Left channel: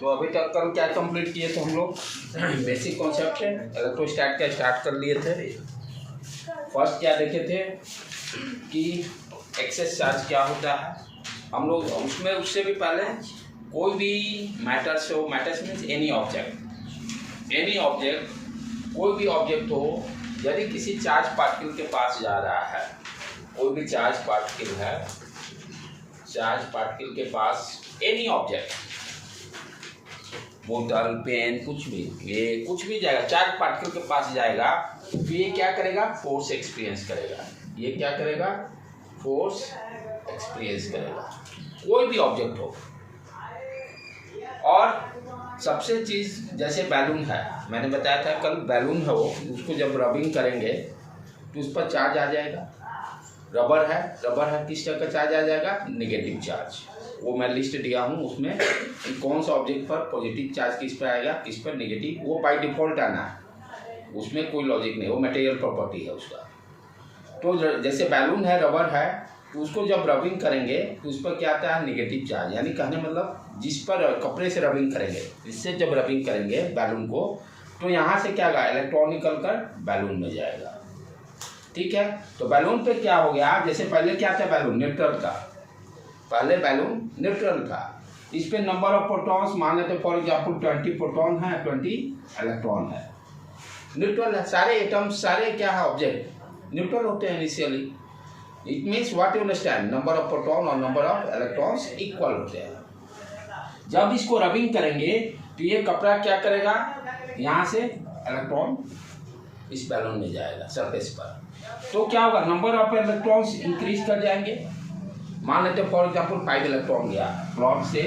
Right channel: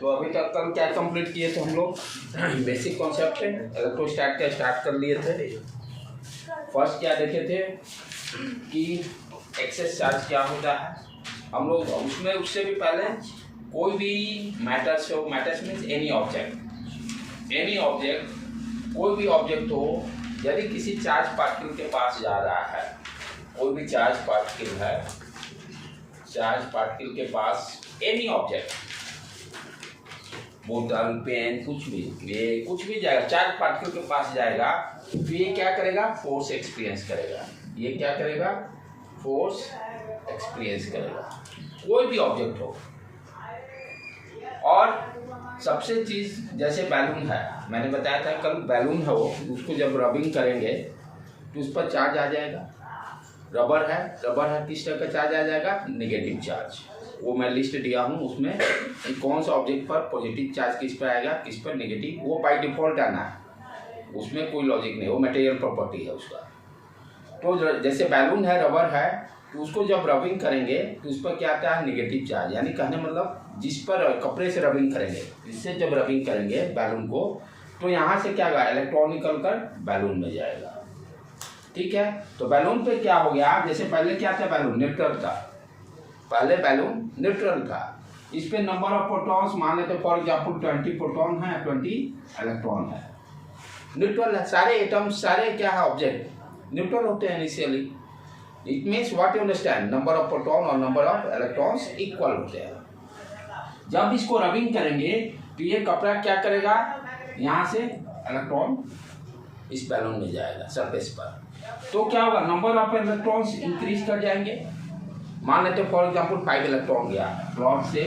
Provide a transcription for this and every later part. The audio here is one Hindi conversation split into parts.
तो अभी तक कल क्या कंप्लीट किए थे हम लोग? बेसिक कॉन्सेप्ट है इलेक्ट्रोस्टैट का स्टार्ट कर लिए थे। फर्स्ट क्या देखे थे कि एक्सेस चार्ज क्या होता है। हम लोग उसमें उससे भी पहले कोई भी मैटर्स हो, मैटर्स मीन्स एनी ऑब्जेक्ट कोई भी ऑब्जेक्ट हो, यदि किसी चार्ज पार्टिकल के पास जा रहा है, कोई भी चार्ज पार्टिकल है, चार्ज पार्टिकल के पास एनी ऑब्जेक्ट, बोतल, पेन, कुछ भी, ये कुछ भी जाएगा, चार्ज पार्टिकल के पास जाएगा तो ये क्या करेगा? फोर्स एक्सपीरियंस करेगा। ये क्या करेगा? फोर्स एक्सपीरियंस करेगा, कोई भी ऑब्जेक्ट हो। और सबसे चीज़ जैसे बैलून है, मैंने बताया था कल, बैलून है वो, उसको जब रबिंग करेंगे तो उस पर चार्ज आ जाएगा। रबर है, किस तरह का चार्ज आ जाएगा? Negative charge. वो मैं लिस्ट दिया हूँ उसमें कौन सा ऑब्जेक्ट पर पॉजिटिव चार्ज किस पर आएगा, किस पर नेगेटिव, वो बाय डिफ़ॉल्ट आना है, उसमें कोई लॉजिक नहीं, वो मटेरियल प्रॉपर्टी है उसका। तो जैसे बैलून है, रबर है, तो उसको जब रबिंग करेंगे तो उस पर क्या आता है? Negative charge. यानी कहने मतलब जिस पर कपड़े से रबिंग करेंगे, इससे जब रबिंग करेंगे बैलून को, तो यहाँ से क्या होगा? इलेक्ट्रॉन निकल कर बैलून में जाएगा। ठीक है, तो बैलून पे क्या हो गया? जैसे पहले क्या था? बैलून न्यूट्रल था, पहले बैलून न्यूट्रल था। इस पे नंबर ऑफ प्रोटॉन्स मान लेते, फॉर एग्जाम्पल 20 प्रोटॉन है, 20 इलेक्ट्रॉन है, न्यूट्रल है। सारे एटम्स, सारे क्या है? ऑब्जेक्ट न्यूट्रल होते हैं initially. It means what you understand, number of proton और नंबर ऑफ इलेक्ट्रॉन्स इक्वल होते हैं। जब इसको रबिंग करेंगे तो ये कपड़ा क्या करेगा? यहाँ से इलेक्ट्रॉन इस बैलून में जाएगा सरफेस पर, तो क्या होगा? नंबर ऑफ इलेक्ट्रॉन्स इंक्रीज कर जाएंगे। मान लेते फॉर एग्जाम्पल 5 इलेक्ट्रॉन गया क्लॉथ से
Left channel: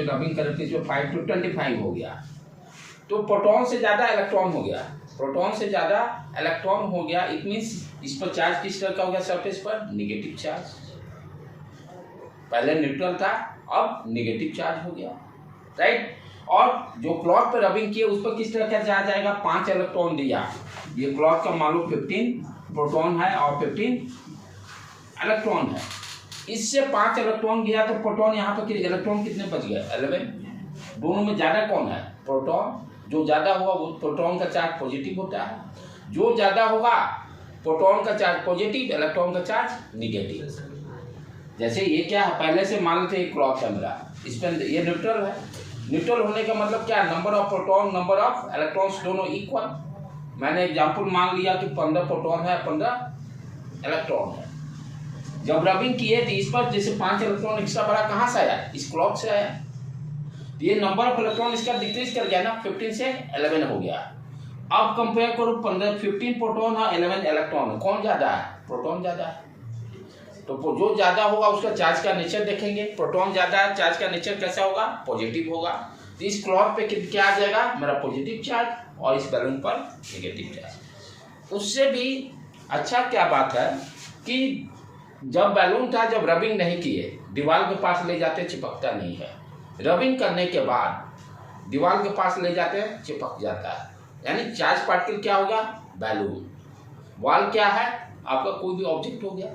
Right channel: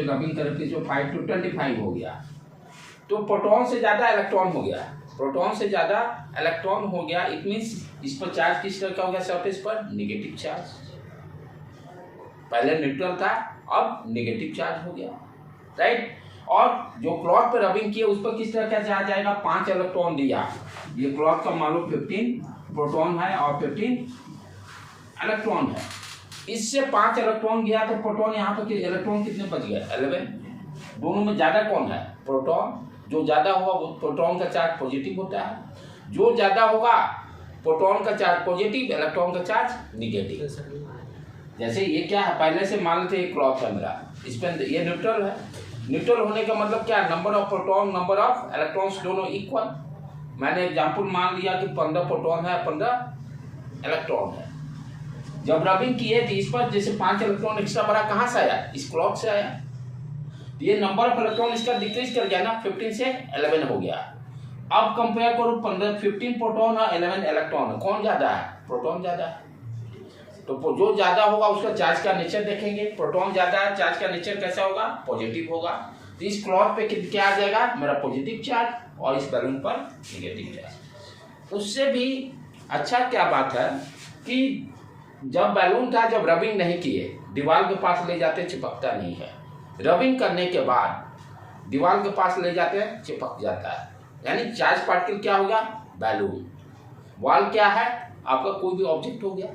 रबिंग करके, जो 5 to 25 हो गया, तो प्रोटॉन से ज़्यादा इलेक्ट्रॉन हो गया, इट मीन्स इस पर चार्ज किस तरह का हो गया? सरफेस पर नेगेटिव चार्ज। पहले न्यूट्रल था, अब नेगेटिव चार्ज हो गया, राइट। और जो क्लॉथ पर रबिंग किए उस पर किस तरह का चार्ज आएगा? 5 इलेक्ट्रॉन दिया, ये क्लॉथ का मान लो 15 प्रोटॉन है और 15 इलेक्ट्रॉन है। इससे 5 इलेक्ट्रॉन गया तो प्रोटॉन, यहाँ पर इलेक्ट्रॉन कितने बच गए? 11। दोनों में ज़्यादा कौन है? प्रोटॉन। जो ज़्यादा होगा वो प्रोटॉन का चार्ज पॉजिटिव होता है, जो ज़्यादा होगा प्रोटॉन का चार्ज पॉजिटिव, इलेक्ट्रॉन का चार्ज निगेटिव। जैसे ये क्या है? पहले से मान लेते एक क्लॉथ है मेरा, इस पर ये न्यूट्रल है। न्यूट्रल होने का मतलब क्या? Number of proton, number of electrons दोनों इक्वल। मैंने एग्जाम्पल मान लिया कि 15 प्रोटॉन है, 15 इलेक्ट्रॉन है। जब रबिंग किए तो इस पर जैसे 5 इलेक्ट्रॉन एक्स्ट्रा बड़ा कहाँ से आया? इस क्लॉथ से आया। तो ये नंबर ऑफ इलेक्ट्रॉन इसका डिक्रीज कर गया ना, 15 से 11 हो गया। अब कंपेयर करो 15 प्रोटॉन और 11 इलेक्ट्रॉन, कौन ज़्यादा है? प्रोटॉन ज़्यादा है। तो जो ज़्यादा होगा उसका चार्ज का नेचर देखेंगे, प्रोटॉन ज़्यादा है, चार्ज का नेचर कैसा होगा? पॉजिटिव होगा। तो इस क्लॉथ पे क्या आ जाएगा? मेरा पॉजिटिव चार्ज, और इस बैलून पर नेगेटिव चार्ज। उससे भी अच्छा क्या बात है कि जब बैलून था, जब रबिंग नहीं किए, दीवार के पास ले जाते चिपकता नहीं है। रबिंग करने के बाद दीवार के पास ले जाते चिपक जाता है। यानी चार्ज पार्टिकल क्या होगा? बैलून। वॉल क्या है? आपका कोई भी ऑब्जेक्ट हो गया,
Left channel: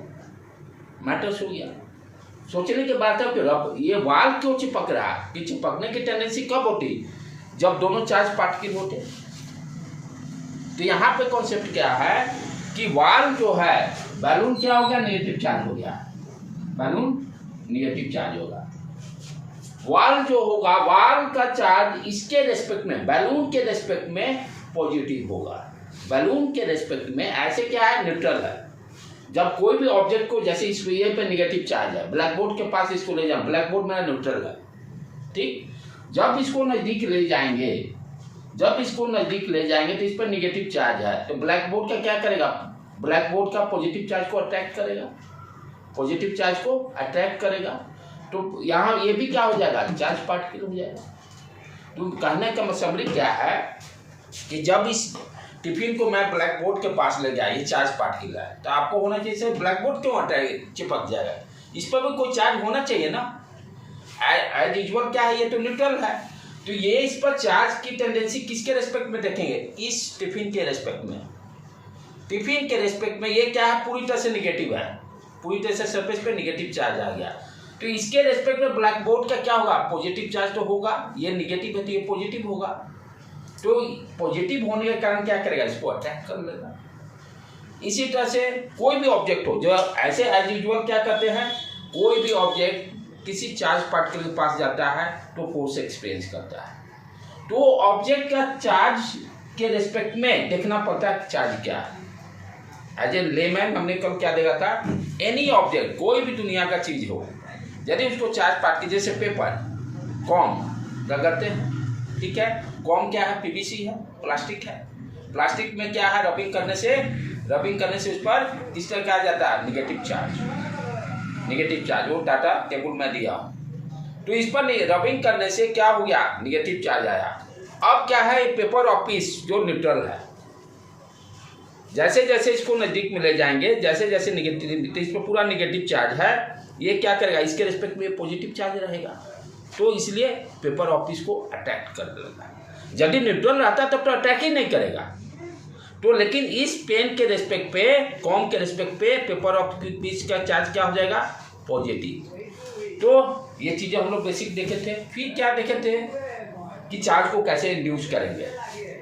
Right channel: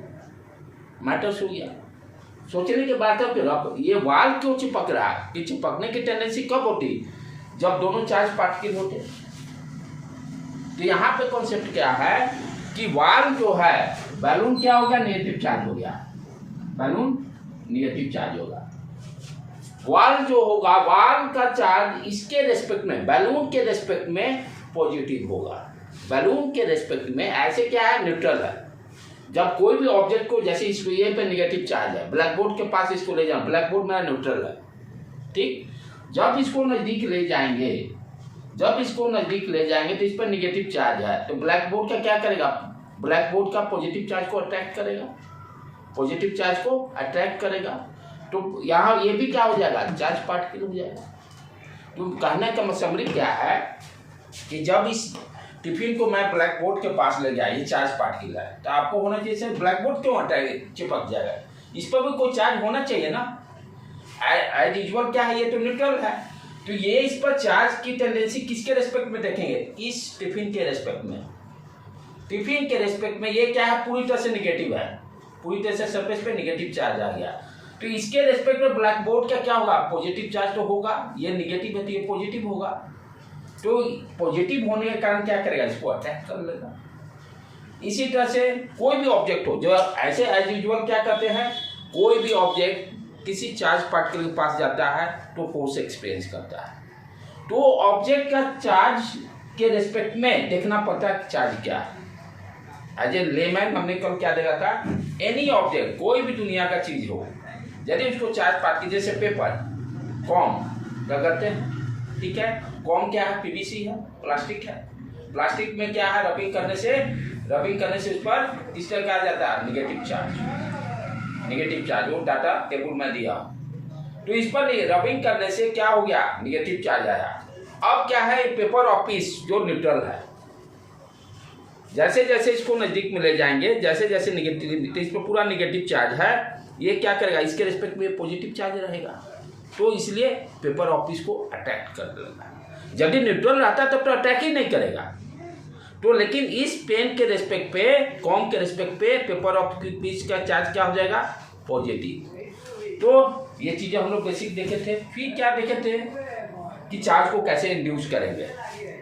मैटर्स हो गया। सोचने के बाद अब ये वॉल क्यों चिपक रहा है? कि चिपकने की टेंडेंसी कब होती? जब दोनों चार्ज पार्टिकल होते। तो यहाँ पे कॉन्सेप्ट क्या है कि वॉल जो है, बैलून क्या हो गया? नेगेटिव चार्ज हो गया, बैलून नेगेटिव चार्ज होगा। वॉल जो होगा, वॉल का चार्ज इसके रेस्पेक्ट में, बैलून के रेस्पेक्ट में पॉजिटिव होगा। बैलून के रेस्पेक्ट में ऐसे क्या है? न्यूट्रल है। जब कोई भी ऑब्जेक्ट को, जैसे इस ये पे नेगेटिव चार्ज है, ब्लैक बोर्ड के पास इसको ले जाओ, ब्लैक बोर्ड मेरा न्यूट्रल है, ठीक। जब इसको नज़दीक ले जाएंगे, तो इस पर नेगेटिव चार्ज है, तो ब्लैक बोर्ड का क्या करेगा? ब्लैक बोर्ड का पॉजिटिव चार्ज को अट्रैक्ट करेगा, तो यहाँ ये भी क्या हो जाएगा? चार्ज पार्टिकल हो जाएगा। तो कहने का समरी क्या है कि जब इस टिफिन को मैं ब्लैक बोर्ड के पास ले गया, ये चार्ज पार्टिकल है, तो आपको होना चाहिए सर ब्लैक बोर्ड क्यों चिपक जाएगा? इस पर भी कोई चार्ज होना चाहिए ना। एज यूजुअल क्या है? ये तो न्यूट्रल है, तो ये इस पर चार्ज की टेंडेंसी किसके रेस्पेक्ट में देखेंगे? इस टिफिन के रेस्पेक्ट में। टिफिन के रेस्पेक्ट में ये क्या है? पूरी तरह से निगेटिव है, पूरी तरह से सरफेस पे निगेटिव चार्ज आ गया। तो इसके रेस्पेक्ट में ब्लैक बोर्ड का क्या होगा, पॉजिटिव चार्ज तो होगा, ये निगेटिव है तो ये पॉजिटिव होगा। तो पॉजिटिव होने के कारण क्या करेगा, इसको अट्रैक्ट कर लेगा। इसी तरह से कोई भी ऑब्जेक्ट हो, जो ऐसे एज यूजुअल क्या करते हैं, कोई भी ऑब्जेक्ट किसी चार्ज पार्टिकल के पास जाता है तो फोर्स एक्सपीरियंस करता है। तो ऑब्जेक्ट का चार्ज के रेस्पेक्ट में देखना पड़ता है चार्ज क्या है। एज ए लेमैन हमने कल क्या देखा था, एनी ऑब्जेक्ट, कोई भी दुनिया का चीज हो, यदि उसको चार्ज पार्टिकल, जैसे पेपर, कॉम रगड़ते हैं, ठीक है, कॉम क्या है, पीवीसी है, प्लास्टिक है। प्लास्टिक में क्या है, रबिंग करने से उस पर किस तरह क्या आ जाता है, निगेटिव चार्ज, वो डाटा टेबल में दिया। तो इस पर रबिंग करने से क्या हो गया, निगेटिव चार्ज आया। अब क्या है, पेपर और पीस जो न्यूट्रल है, जैसे जैसे इसको नजदीक में ले जाएंगे, जैसे जैसे निगेटिव, इस पर पूरा निगेटिव चार्ज है, ये क्या करेगा, इसके रिस्पेक्ट में पॉजिटिव चार्ज रहेगा। तो इसलिए पेपर और पीस को अट्रैक्ट कर देगा। यदि न्यूट्रल रहता तब तो अटैक ही नहीं करेगा। तो लेकिन इस पेन के रिस्पेक्ट पे, कॉम के रिस्पेक्ट पे पेपर और पीस का चार्ज क्या हो जाएगा, पॉजिटिव। तो ये चीज़ें हम लोग बेसिक देखे थे। फिर क्या देखे थे कि चार्ज को कैसे इंड्यूस करेंगे।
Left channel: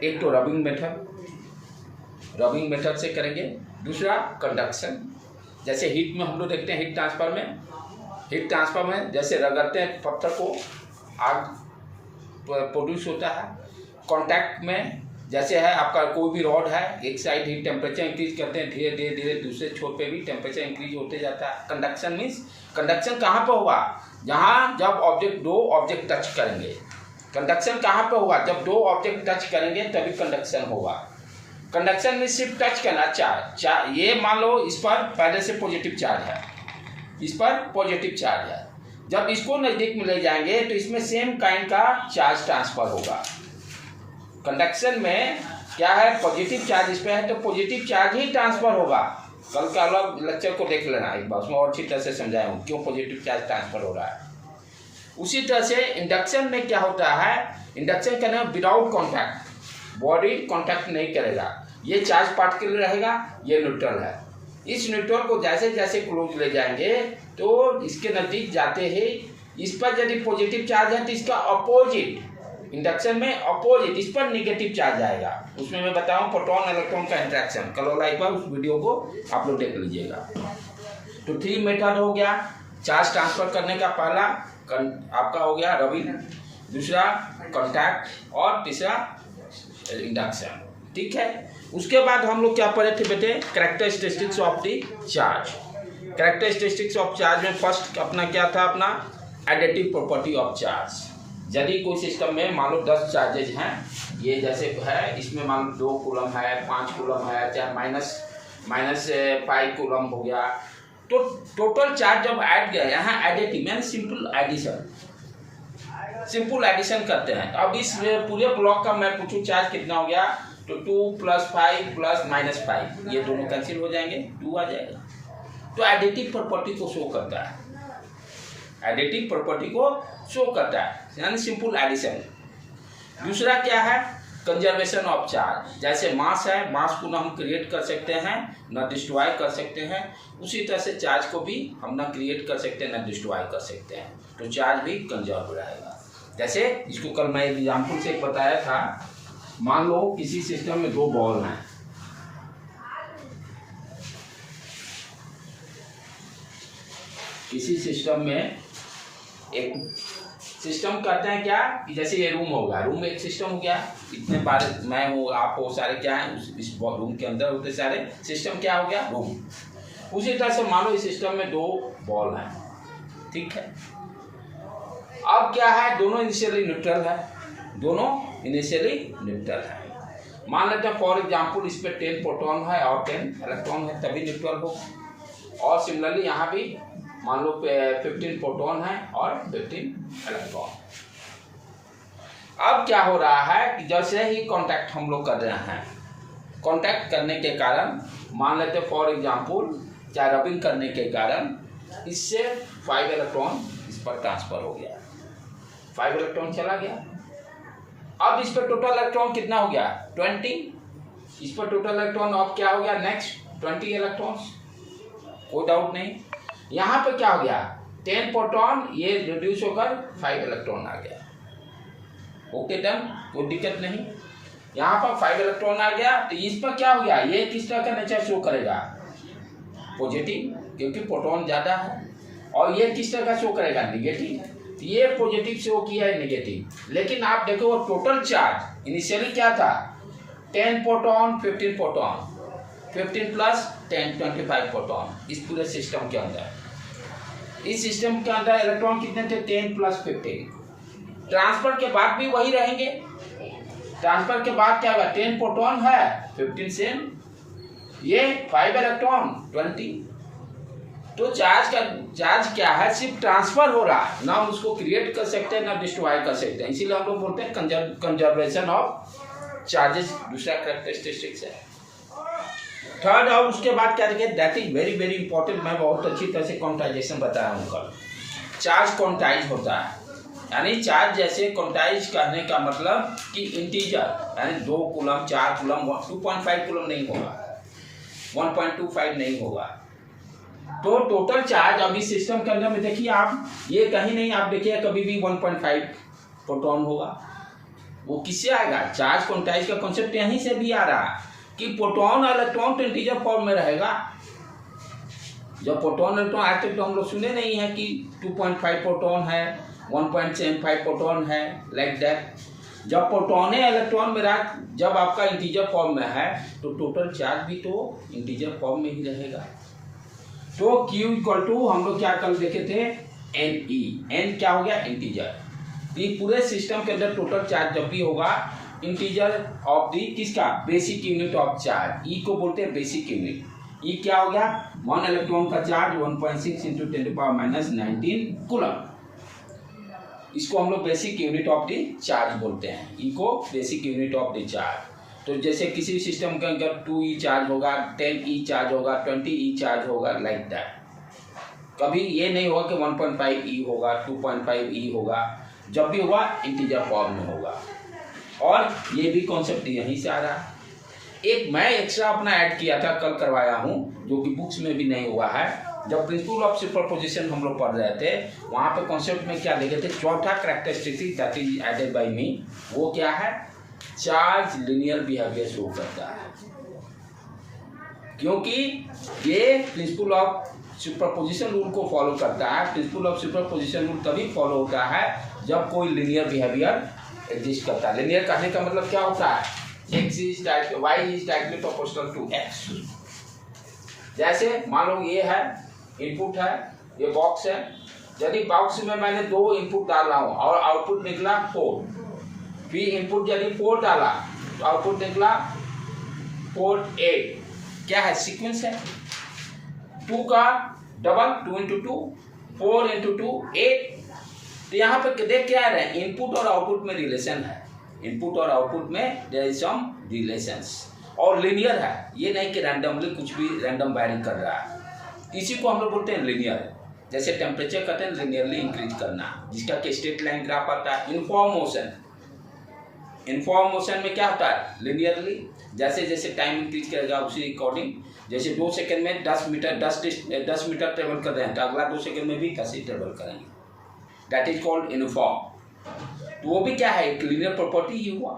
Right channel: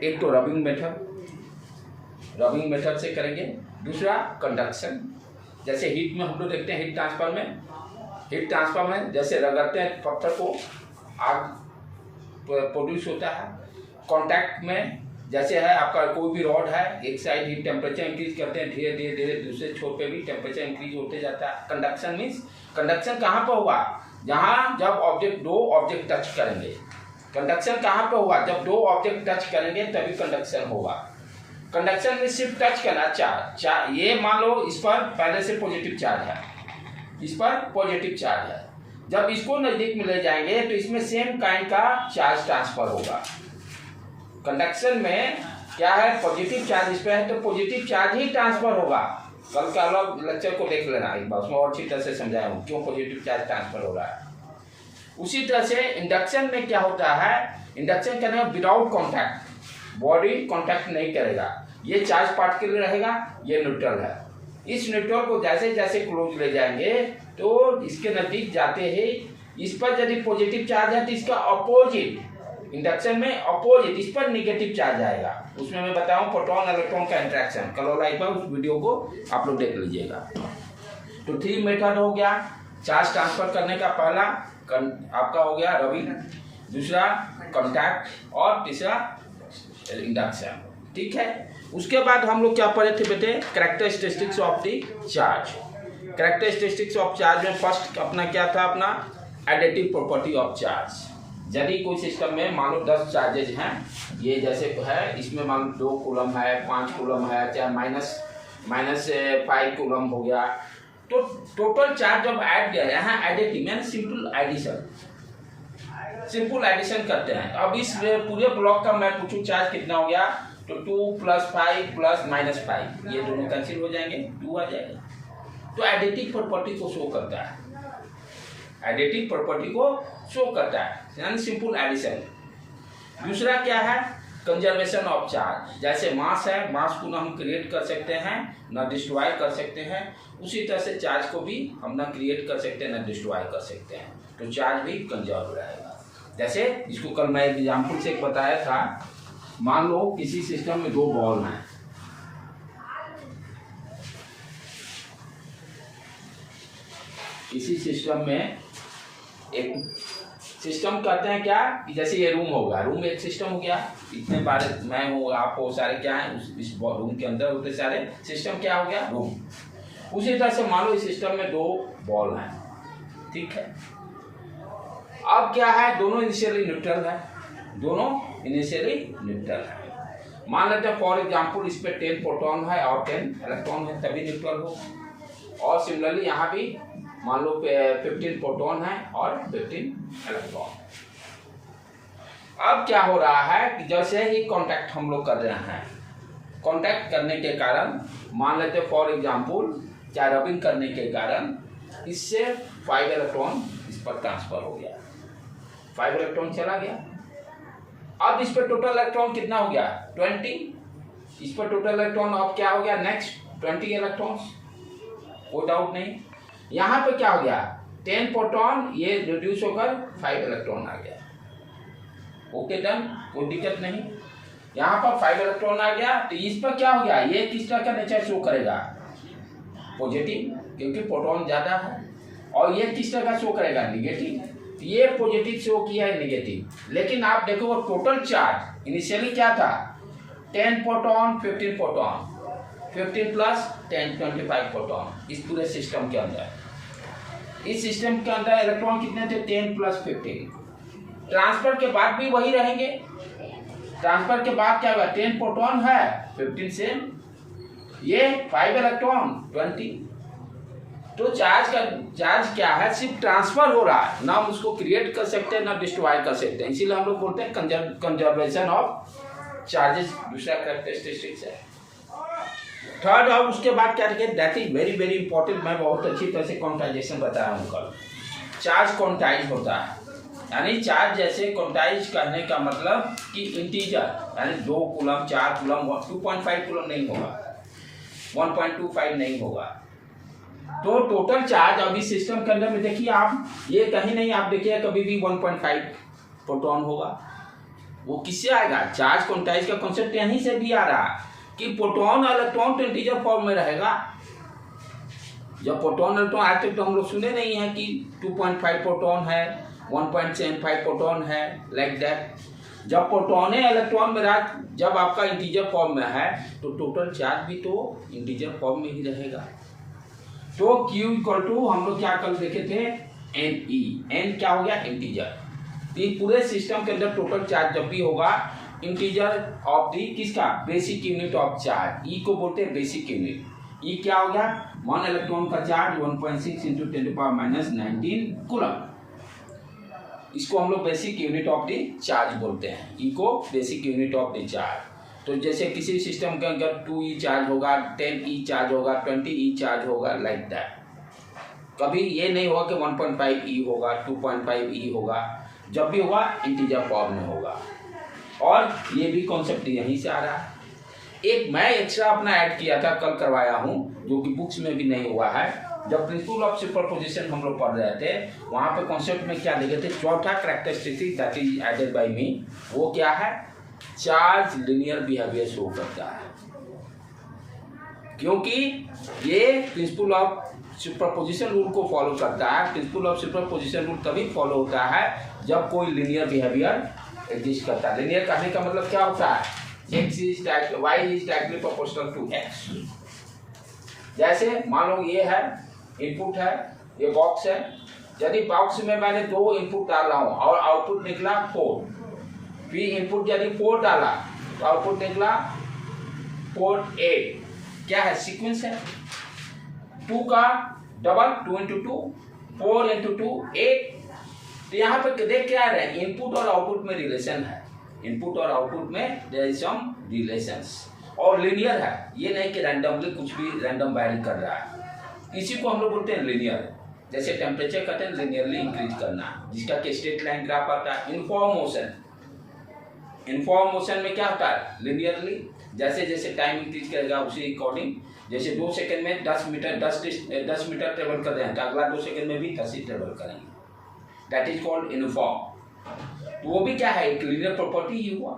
एक तो रबिंग मेथड से करेंगे, दूसरा कंडक्शन, जैसे हीट में हम लोग देखते हैं, हीट ट्रांसफर में जैसे रगड़ते हैं पत्थर को, आग प्रोड्यूस होता है। कॉन्टैक्ट में जैसे है आपका कोई भी रॉड है, एक साइड हीट टेम्परेचर इंक्रीज करते हैं, धीरे धीरे दूसरे छोर पे भी टेम्परेचर इंक्रीज होते जाता है। कंडक्शन मीन्स, कंडक्शन कहाँ पर होगा, जहाँ जब दो ऑब्जेक्ट टच करेंगे। कंडक्शन कहाँ पर होगा, जब दो ऑब्जेक्ट टच करेंगे तभी कंडक्शन होगा। कंडक्शन में सिर्फ टच करना, चार्ज, ये मान लो इस पर पहले से पॉजिटिव चार्ज है, इस पर पॉजिटिव चार्ज है, जब इसको नज़दीक में ले जाएंगे तो इसमें सेम काइंड का चार्ज ट्रांसफर होगा। कंडक्शन में क्या है, पॉजिटिव चार्ज इस पर है तो पॉजिटिव चार्ज ही ट्रांसफर होगा। कल का अलग लेक्चर को देख लेना एक बार, उसमें और अच्छी तरह से समझाया हूँ क्यों पॉजिटिव चार्ज ट्रांसफर हो रहा है। उसी तरह से इंडक्शन में क्या होता है, इंडक्शन करना विदाउट कॉन्टैक्ट, बॉडी कॉन्टैक्ट नहीं करेगा, ये चार्ज पार्टिकल रहेगा, ये न्यूट्रल है। इस न्यूट्रल को जैसे जैसे क्लोज ले जाएंगे तो इसके नज़दीक जाते ही इस पर यदि पॉजिटिव चार्ज है तो इसका अपोजिट, इंडक्शन में अपोजिट, इस पर निगेटिव चार्ज आएगा। उसमें मैं बताऊं प्रोटॉन इलेक्ट्रॉन का इंटरेक्शन, कल वाला एक बार उस वीडियो को आप लोग देख लीजिएगा। तो 3 मेथड हो गया चार्ज ट्रांसफर करने का। पहला आपका हो गया रबिंग, दूसरा कॉन्टैक्ट और तीसरा इंडक्शन, ठीक है। उसके बाद हम लोग क्या पढ़े थे बेटे, characteristics of the charge. Characteristics of charge में फर्स्ट अपना क्या था, अपना एडिटिव प्रॉपर्टी ऑफ चार्ज। यदि कोई सिस्टम में मान लो 10 चार्जेज हैं, ये जैसे है, इसमें मान लो 2 कूलम है, 5 कूलम है, चाहे माइनस 5 कूलम हो गया, तो टोटल चार्ज जब ऐड किया, यहाँ एडिटिव यानी सिंपल एडिशन करते हैं। अब इस पूरे ब्लॉक का मैं पूछूं चार्ज कितना हो गया, तो 2 + 5 + -5, ये दोनों कैंसिल हो जाएंगे, 2 आ जाएगा। तो एडिटिव प्रॉपर्टी को शो करता है, एडिटिव प्रॉपर्टी को शो करता है, यानी सिंपल एडिशन। दूसरा क्या है, कंजर्वेशन ऑफ चार्ज। जैसे मास है, मास को ना हम क्रिएट कर सकते हैं ना डिस्ट्रॉय कर सकते हैं, उसी तरह से चार्ज को भी हम ना क्रिएट कर सकते हैं ना डिस्ट्रॉय कर सकते हैं, तो चार्ज भी कंजर्व रहेगा। जैसे इसको कल मैं एग्जाम्पल से बताया था, मान लो किसी सिस्टम में 2 बॉल हैं, किसी सिस्टम में एक सिस्टम करते हैं क्या कि जैसे ये रूम होगा, रूम एक सिस्टम हो गया, इतने बार मैं हूँ, आप हो, सारे क्या हैं इस रूम के अंदर होते सारे, सिस्टम क्या हो गया, रूम। उसी तरह से मान लो इस सिस्टम में 2 बॉल हैं, ठीक है। अब क्या है, दोनों इनिशियली न्यूट्रल है, मान लेते हैं फॉर एग्जाम्पल इस पे 10 प्रोटॉन है और 10 इलेक्ट्रॉन है, तभी न्यूट्रल हो। और सिमिलरली यहाँ भी मान लो 15 प्रोटॉन है और 15 इलेक्ट्रॉन। अब क्या हो रहा है कि जैसे ही कांटेक्ट हम लोग कर रहे हैं, कांटेक्ट करने के कारण मान लेते फॉर एग्जांपल क्या रबिंग करने के कारण इससे 5 इलेक्ट्रॉन इस पर ट्रांसफर हो गया, 5 इलेक्ट्रॉन चला गया। अब इस पर टोटल इलेक्ट्रॉन कितना हो गया, 20। इस पर टोटल इलेक्ट्रॉन अब क्या हो गया, नेक्स्ट 20 इलेक्ट्रॉन्स, कोई डाउट नहीं। यहाँ पे क्या हो गया, 10 प्रोटॉन, ये रिड्यूस होकर 5 इलेक्ट्रॉन आ गया। ओके डन, कोई दिक्कत नहीं। यहाँ पर 5 इलेक्ट्रॉन आ गया, तो इस पर क्या हो गया, ये किस तरह का नेचर शो करेगा, पॉजिटिव, क्योंकि प्रोटॉन ज़्यादा है। और ये किस तरह का शो करेगा, निगेटिव। ये पॉजिटिव शो किया है, निगेटिव। लेकिन आप देखो टोटल चार्ज इनिशियली क्या था, 10 प्रोटॉन 15 प्रोटॉन, 15 प्लस 10 25 प्रोटॉन इस पूरे सिस्टम के अंदर। इस सिस्टम के अंदर इलेक्ट्रॉन कितने थे, 10 प्लस 15। ट्रांसफर के बाद भी वही रहेंगे। ट्रांसफर के बाद क्या होगा, 10 प्रोटॉन है, 15 सेम, ये 5 इलेक्ट्रॉन 20। तो चार्ज क्या है, सिर्फ ट्रांसफर हो रहा है, ना हम उसको क्रिएट कर सकते हैं ना डिस्ट्रॉय कर सकते हैं। इसीलिए हम लोग बोलते हैं कंजर्वेशन ऑफ चार्जेस, दूसरा कैरेक्टरिस्टिक्स है। थर्ड, और उसके बाद क्या देखिए, that is very very important. मैं बहुत अच्छी तरह से क्वांटाइजेशन बताया हूँ कल। चार्ज क्वांटाइज होता है, यानी चार्ज जैसे क्वांटाइज करने का मतलब कि इंटीजर, यानी 2 कूलम 4 कूलम 2.5 कूलम नहीं होगा, 1.25 नहीं होगा। तो टोटल चार्ज अभी सिस्टम के अंदर में देखिए आप, ये कहीं नहीं आप देखिए कभी भी 1.5 प्रोटॉन होगा। वो किससे आएगा, चार्ज क्वांटाइज का कॉन्सेप्ट यहीं से भी आ रहा है कि प्रोटॉन और इलेक्ट्रॉन तो इंटीजर फॉर्म में रहेगा। जब प्रोटॉन इलेक्ट्रॉन आज तक तो हम लोग सुने नहीं है कि 2.5 प्रोटॉन है, 1.75 प्रोटॉन है, लाइक दैट। जब प्रोटॉन इलेक्ट्रॉन में रहा, जब आपका इंटीजर फॉर्म में है, तो टोटल चार्ज भी तो इंटीजर फॉर्म में ही रहेगा। तो Q इक्वल टू हम लोग क्या कल देखे थे, NE। N क्या हो गया, इंटीजर। तो ये पूरे सिस्टम के अंदर टोटल चार्ज जब भी होगा, इंटीजर ऑफ दी किसका, basic unit of charge, E को बोलते हैं बेसिक यूनिट। E क्या हो गया, 1 इलेक्ट्रॉन का चार्ज 1.6 × 10⁻⁹ कूलम। इसको हम लोग basic unit of the charge बोलते हैं, E को basic unit of the charge. तो जैसे किसी सिस्टम के अंदर 2E चार्ज होगा, 10E चार्ज होगा, 20E चार्ज होगा, लाइक दैट। कभी ये नहीं होगा कि 1.5E होगा, 2.5E होगा। जब भी होगा इंटीजर फॉर्म में होगा। और ये भी कॉन्सेप्ट यहीं से आ रहा है। एक मैं एक्स्ट्रा अपना ऐड किया था, कल करवाया हूँ, जो कि बुक्स में भी नहीं हुआ है। जब प्रिंसिपल ऑफ सुपरपोजिशन हम लोग पढ़ रहे थे, वहाँ पे कॉन्सेप्ट में क्या लिखे थे, चौथा characteristic that is added by me, वो क्या है, चार्ज लिनियर बिहेवियर शो करता है। क्योंकि ये प्रिंसिपल ऑफ सुपरपोजिशन रूल को फॉलो करता है। प्रिंसिपल ऑफ सुपरपोजिशन रूल तभी फॉलो होता है जब कोई लिनियर बिहेवियर एग्जिस्ट करता है। लिनियर कहने का मतलब क्या होता है, x is y is directly proportional to x। जैसे मान लो ये है इनपुट है, ये बॉक्स है। यदि बॉक्स में मैंने 2 इनपुट डाल रहा हूँ और आउटपुट निकला 4, फिर इनपुट यदि 4 डाला तो आउटपुट निकला 4 8, क्या है, सीक्वेंस है। 2 का डबल, 2 × 2, 4 × 2 8। तो यहाँ पे देख क्या है, इनपुट और आउटपुट में रिलेशन है। इनपुट और आउटपुट में देयर इज सम रिलेशंस, और लीनियर है, ये नहीं कि रैंडमली कुछ भी रैंडम वैरी कर रहा है। इसी को हम लोग बोलते हैं लीनियर। जैसे टेम्परेचर कहते हैं लीनियरली इंक्रीज करना, जिसका कि स्ट्रेट लाइन ग्राफ आता है। यूनिफॉर्म मोशन, यूनिफॉर्म मोशन में क्या होता है, लीनियरली। जैसे जैसे टाइम इंक्रीज करेगा उसी अकॉर्डिंग, जैसे 2 सेकंड में 10 मीटर ट्रेवल कर रहे हैं, तो अगला 2 सेकंड में भी 10 ही ट्रेवल करेंगे। That is called uniform. तो वो भी क्या है, एक लीनियर प्रॉपर्टी ही हुआ।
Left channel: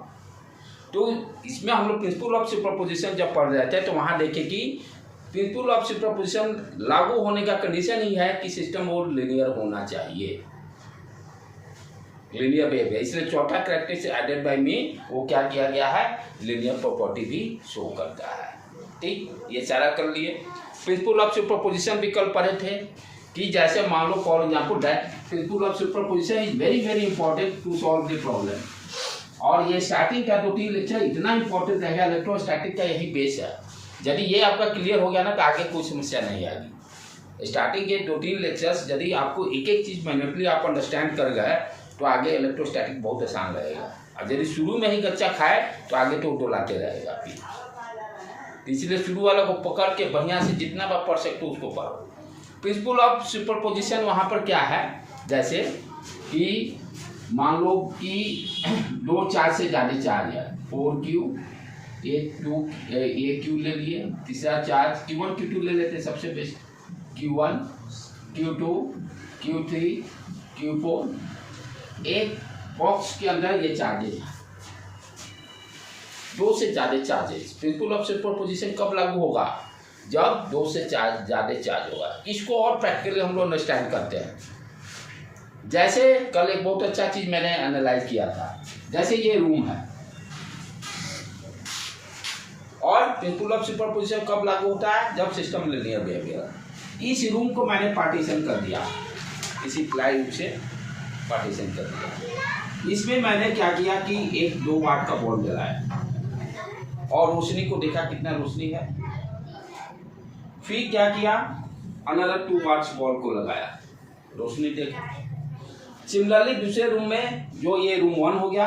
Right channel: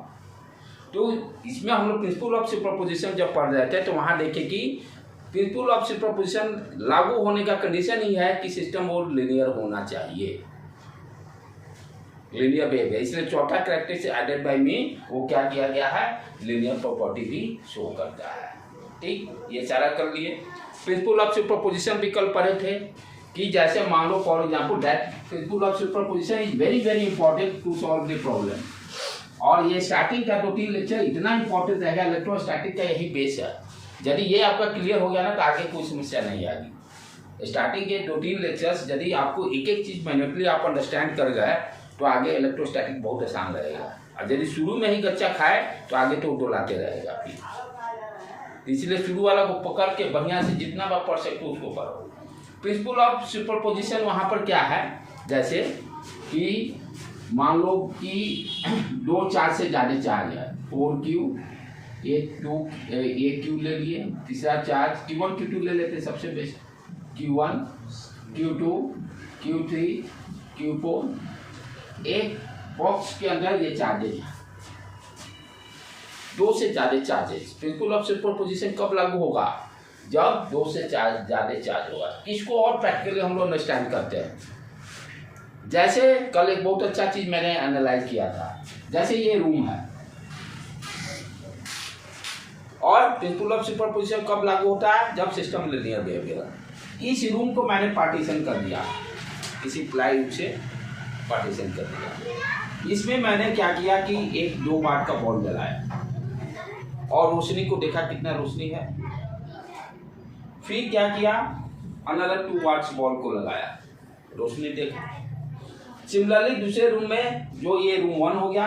तो इसमें हम लोग प्रिंसिपल ऑफ सुपरपोजिशन जब पढ़ रहे थे, तो वहाँ देखे कि प्रिंसिपल ऑफ सुपरपोजिशन लागू होने का कंडीशन ही है कि सिस्टम वो लीनियर होना चाहिए, लीनियर बिहेवियर। इसलिए चौथा कैरेक्टरिस्टिक एडेड बाय मी, वो क्या किया गया है, लीनियर प्रॉपर्टी भी शो करता है। ठीक, ये सारा कर लिए। प्रिंसिपल ऑफ सुपरपोजिशन भी कल पढ़े थे कि जैसे मान लो for example that principle of superposition is very very important to solve the problem. और ये स्टार्टिंग का 2-3 लेक्चर इतना इंपॉर्टेंट रहेगा, इलेक्ट्रोस्टैटिक का यही बेस है। यदि ये आपका क्लियर हो गया ना, तो आगे कोई समस्या नहीं आएगी। स्टार्टिंग के 2-3 लेक्चर्स यदि आपको एक एक चीज़ मैन्युअली आप अंडरस्टैंड कर गए, तो आगे इलेक्ट्रोस्टैटिक बहुत आसान रहेगा। और यदि शुरू में ही गच्चा खाए, तो आगे तो डोलाते रहेगा फिर। इसलिए शुरू वाला को पकड़ के बढ़िया से जितना बार पढ़ सकते हो उसको पढ़ो। प्रिंसिपल ऑफ सुपरपोजिशन वहाँ पर क्या है, जैसे कि मान लो कि 2 चार्ज से ज़्यादा चार्ज है, 4Q, एक Q ले लिए, तीसरा चार्ज Q1 Q2 ले लेते हैं सबसे best, Q1 Q2 Q3 Q4 एक बॉक्स के अंदर ये चार्जेज है, दो से ज्यादा चार्जेस। प्रिंसिपल ऑफ सुपरपोजिशन कब लागू होगा? जब दो से ज्यादा चार्ज होगा। इसको और प्रैक्टिकली हम लोग अंडरस्टैंड करते हैं। जैसे कल एक बहुत अच्छा चीज मैंने एनालाइज किया था, जैसे ये रूम है और प्रिंसिपल ऑफ सुपरपोजिशन कब लागू होता है? जब सिस्टम लीनियर बिहेवियर। इस रूम को मैंने पार्टीशन कर दिया, इसी प्लाईवुड से पार्टीशन कर दिया। इसमें मैंने क्या किया कि एक 2 वाट का बल्ब जलाया और रोशनी को देखा कितना रोशनी है। फिर क्या किया, अनदर 2 वाट्स बल्ब को लगाया, रोशनी देखा। सिमिलरली दूसरे रूम में, जो ये रूम 1 हो गया,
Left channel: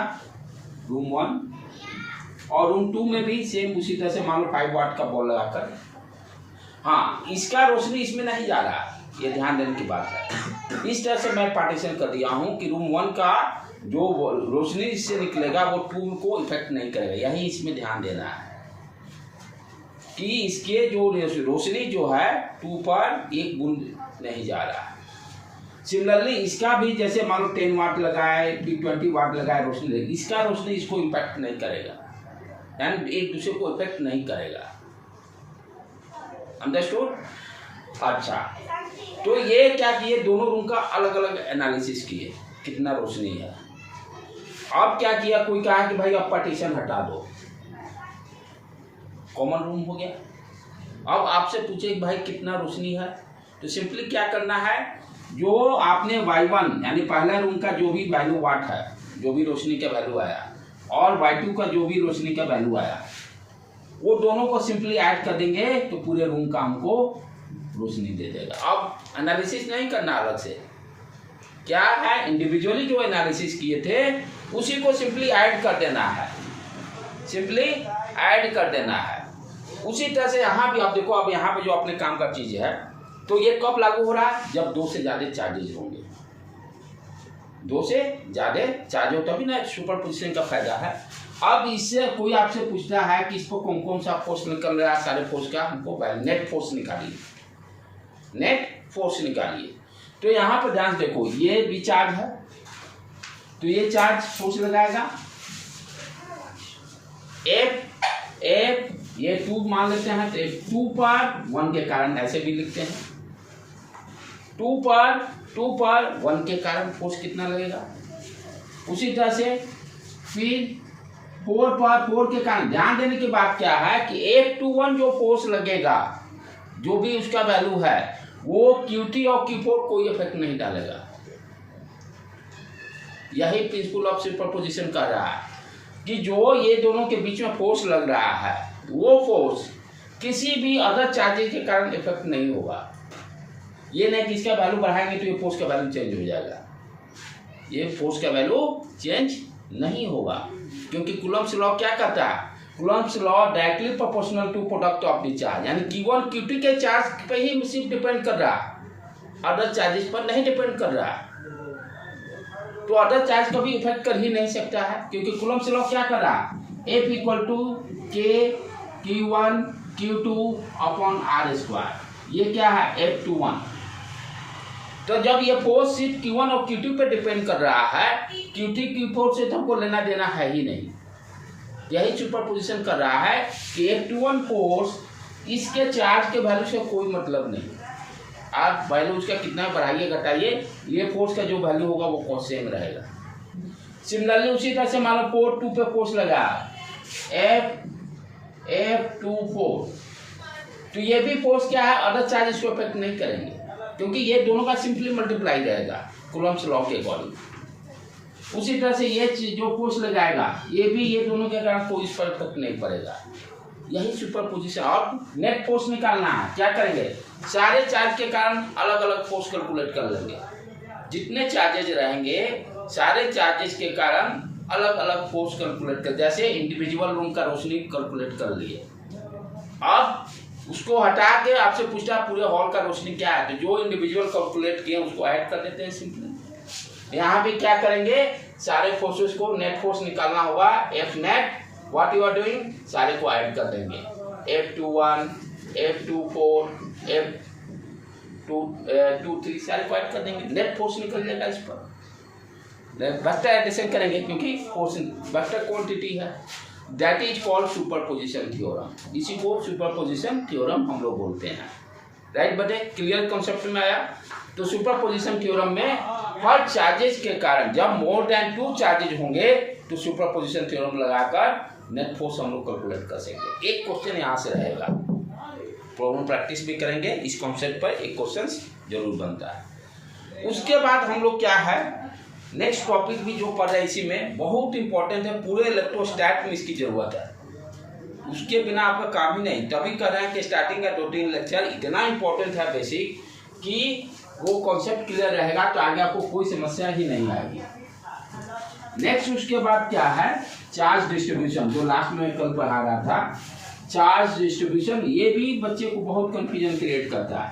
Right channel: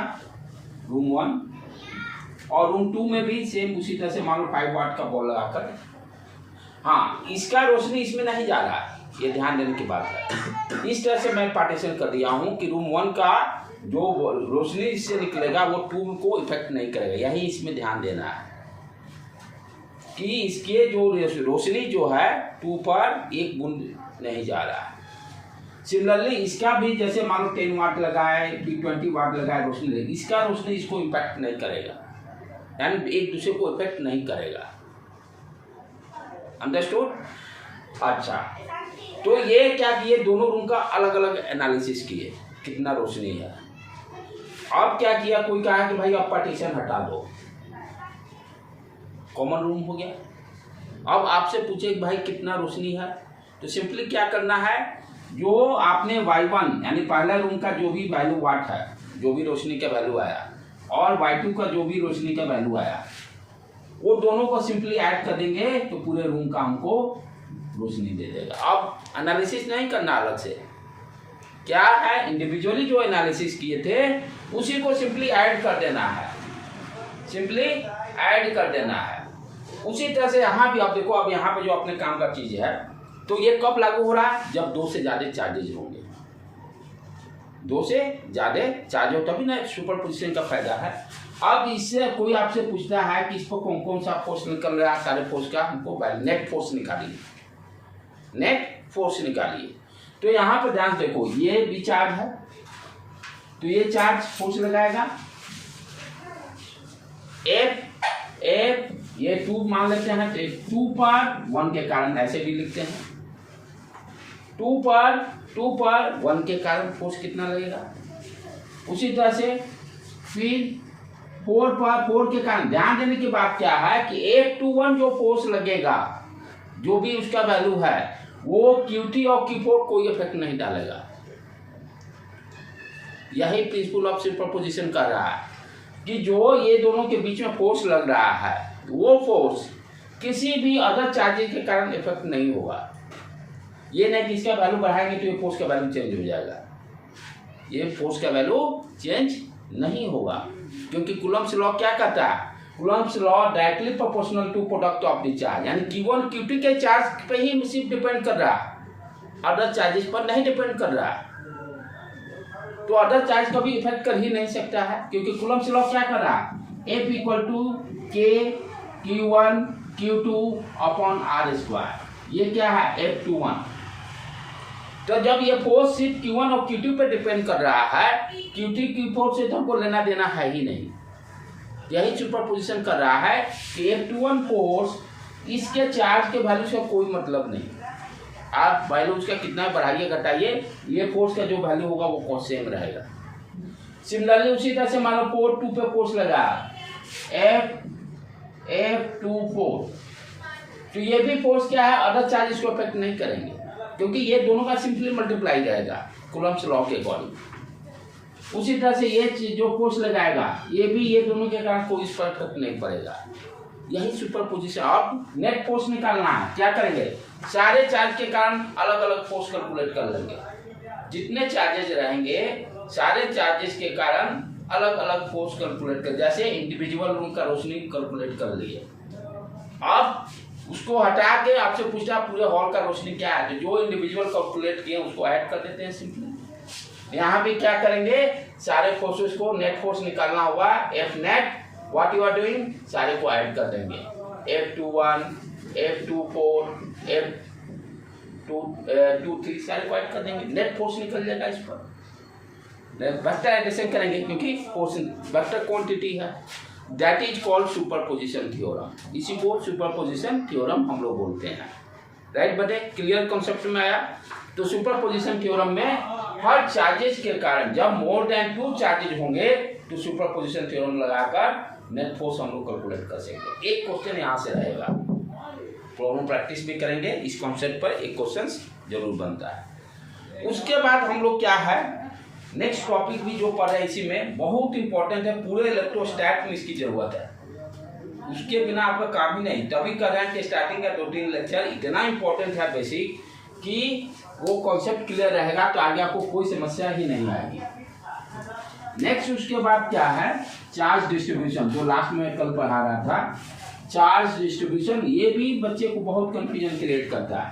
रूम 1 और रूम 2 में भी सेम उसी तरह से मान लो 5 वाट का बल्ब लगाकर, हाँ इसका रोशनी इसमें नहीं जा रहा, ये ध्यान देने की बात है। इस तरह से मैं पार्टीशन कर दिया हूँ कि रूम 1 का जो रोशनी इससे निकलेगा वो 2 को इफेक्ट नहीं करेगा। यही इसमें ध्यान देना है कि इसके जो रोशनी जो है 2 पर एक बूंद नहीं जा रहा है। सिमिलरली इसका भी जैसे मान लो 10 वाट लगाए, फिर 20 वाट लगाए रोशनी, इसका रोशनी इसको इम्पैक्ट नहीं करेगा, यानी एक दूसरे को इफेक्ट नहीं करेगा। अंडरस्टूड? अच्छा, तो ये क्या किए, दोनों रूम का अलग अलग एनालिसिस किए कितना रोशनी है। अब क्या किया, कोई कहा कि भाई अब पार्टीशन हटा दो, कॉमन रूम हो गया। अब आपसे पूछे कि भाई कितना रोशनी है, तो सिंपली क्या करना है, जो आपने y1 यानी पहला रूम का जो भी वैल्यू वाट है, जो भी रोशनी का वैल्यू आया, और y2 का जो भी रोशनी का वैल्यू आया, वो दोनों को सिंपली ऐड कर देंगे तो पूरे रूम का हमको रोशनी दे देगा। अब एनालिसिस नहीं करना अलग से, क्या है इंडिविजुअली जो एनालिसिस किए थे उसी को सिंपली ऐड कर देना है, सिंपली ऐड कर देना है। उसी तरह से यहाँ भी आप देखो, अब यहाँ पे जो अपने काम का चीज है, तो ये कब लागू हो रहा है, जब 2 से ज्यादा चार्जेस होंगे। 2 से ज्यादा चार्ज हो तभी ना सुपरपोजिशन का फायदा है। अब इससे कोई आपसे पूछता है कि इसको कौन कौन सा फोर्स निकल रहा है, सारे फोर्स का हमको नेट फोर्स निकालिए, नेट फोर्स निकालिए। तो यहाँ पर ध्यान देखो, ये भी चार्ज है तो ये चार्ज फोर्स लगाएगा F ये 2 मान लेते हैं, तो 2 पर 1 के कारण ऐसे भी लिखते हैं, 2 पर 1 के कारण फोर्स कितना लगेगा। उसी तरह से फिर 4 पर 4 के कारण, ध्यान देने की बात क्या है कि 8 to 1 जो फोर्स लगेगा, जो भी उसका वैल्यू है, वो Q3 और Q4 कोई इफेक्ट नहीं डालेगा। यही प्रिंसिपल ऑफ सुपरपोजिशन कर रहा है कि जो ये दोनों के बीच में फोर्स लग रहा है, वो फोर्स किसी भी अदर चार्जेस के कारण इफेक्ट नहीं होगा। ये नहीं कि इसका वैल्यू बढ़ाएंगे तो ये फोर्स का वैल्यू चेंज हो जाएगा, ये फोर्स का वैल्यू चेंज नहीं होगा, क्योंकि कूलम्ब्स लॉ क्या कहता है, Coulomb's law directly proportional to product of the charge, यानी Q1 Q2 के चार्ज पे ही सिर्फ डिपेंड कर रहा है, अदर चार्जेस पर नहीं डिपेंड कर रहा है। तो अदर चार्ज कभी इफेक्ट कर ही नहीं सकता है, क्योंकि कूलम्ब्स लॉ क्या कर रहा है, F = K Q1 Q2 upon R²। ये क्या है, F21। तो जब ये फोर्स सिर्फ Q1 और Q2 पे डिपेंड कर रहा है, Q3 Q4 से तो हमको लेना देना है ही नहीं। यही सुपरपोजिशन कर रहा है कि F21 फोर्स इसके चार्ज के वैल्यू से कोई मतलब नहीं, आप वैल्यू उसका कितना बढ़ाइए घटाइए, ये फोर्स का जो वैल्यू होगा वो सेम रहेगा। सिमिलरली उसी तरह से मान लो 4 2 पे फोर्स लगा F24, तो ये भी फोर्स क्या है, अदर चार्ज इसको इफेक्ट नहीं करेंगे, क्योंकि ये दोनों का सिंपली मल्टीप्लाई रहेगा कूलम्ब्स लॉ के अकॉर्डिंग। उसी तरह से ये जो फोर्स लगाएगा, ये भी ये दोनों के कारण कोई इस पर इफेक्ट नहीं पड़ेगा। यही सुपरपोजिशन। और नेट फोर्स निकालना है, क्या करेंगे, सारे चार्ज के कारण अलग अलग फोर्स कैलकुलेट कर लेंगे। जितने चार्जेस रहेंगे सारे चार्जेस के कारण अलग अलग फोर्स कैलकुलेट कर, जैसे इंडिविजुअल रूम का रोशनी कैलकुलेट कर लिए। अब उसको हटा के आपसे पूछता है पूरे हॉल का रोशनी क्या है, तो जो इंडिविजुअल कैलकुलेट किए उसको ऐड कर देते हैं सिंपली। यहाँ भी क्या करेंगे, सारे फोर्सेस को नेट फोर्स निकालना होगा, F net what you are doing, सारे को ऐड कर देंगे, F21 F24 2 3 साइड कर देंगे, नेट फोर्स निकल जाएगा इस पर। वेक्टर एडिशन करेंगे क्योंकि फोर्स वेक्टर क्वांटिटी है। That is called superposition theorem. इसी को सुपरपोजिशन थ्योरम हम लोग बोलते हैं। राइट बटे, क्लियर कॉन्सेप्ट में आया। तो सुपरपोजिशन थ्योरम में हर चार्जेस के कारण जब मोर देन 2 चार्जेज होंगे तो सुपरपोजिशन थ्योरम लगाकर नेट फोर्स हम लोग कैलकुलेट कर सकते हैं। एक क्वेश्चन यहाँ से रहेगा, प्रॉब्लम प्रैक्टिस भी करेंगे इस कॉन्सेप्ट पर, एक क्वेश्चन जरूर बनता है। उसके बाद हम लोग क्या है, नेक्स्ट टॉपिक भी जो पढ़ रहे हैं इसी में बहुत इंपॉर्टेंट है, पूरे इलेक्ट्रोस्टैट में इसकी जरूरत है, उसके बिना आपका काम ही नहीं। तभी कर रहे हैं कि स्टार्टिंग का 2-3 लेक्चर इतना इंपॉर्टेंट है बेसिक कि वो कॉन्सेप्ट क्लियर रहेगा तो आगे आपको कोई समस्या ही नहीं आएगी। नेक्स्ट उसके बाद क्या है, चार्ज डिस्ट्रीब्यूशन, जो लास्ट में कल पढ़ा रहा था। चार्ज डिस्ट्रीब्यूशन ये भी बच्चे को बहुत कंफ्यूजन क्रिएट करता है।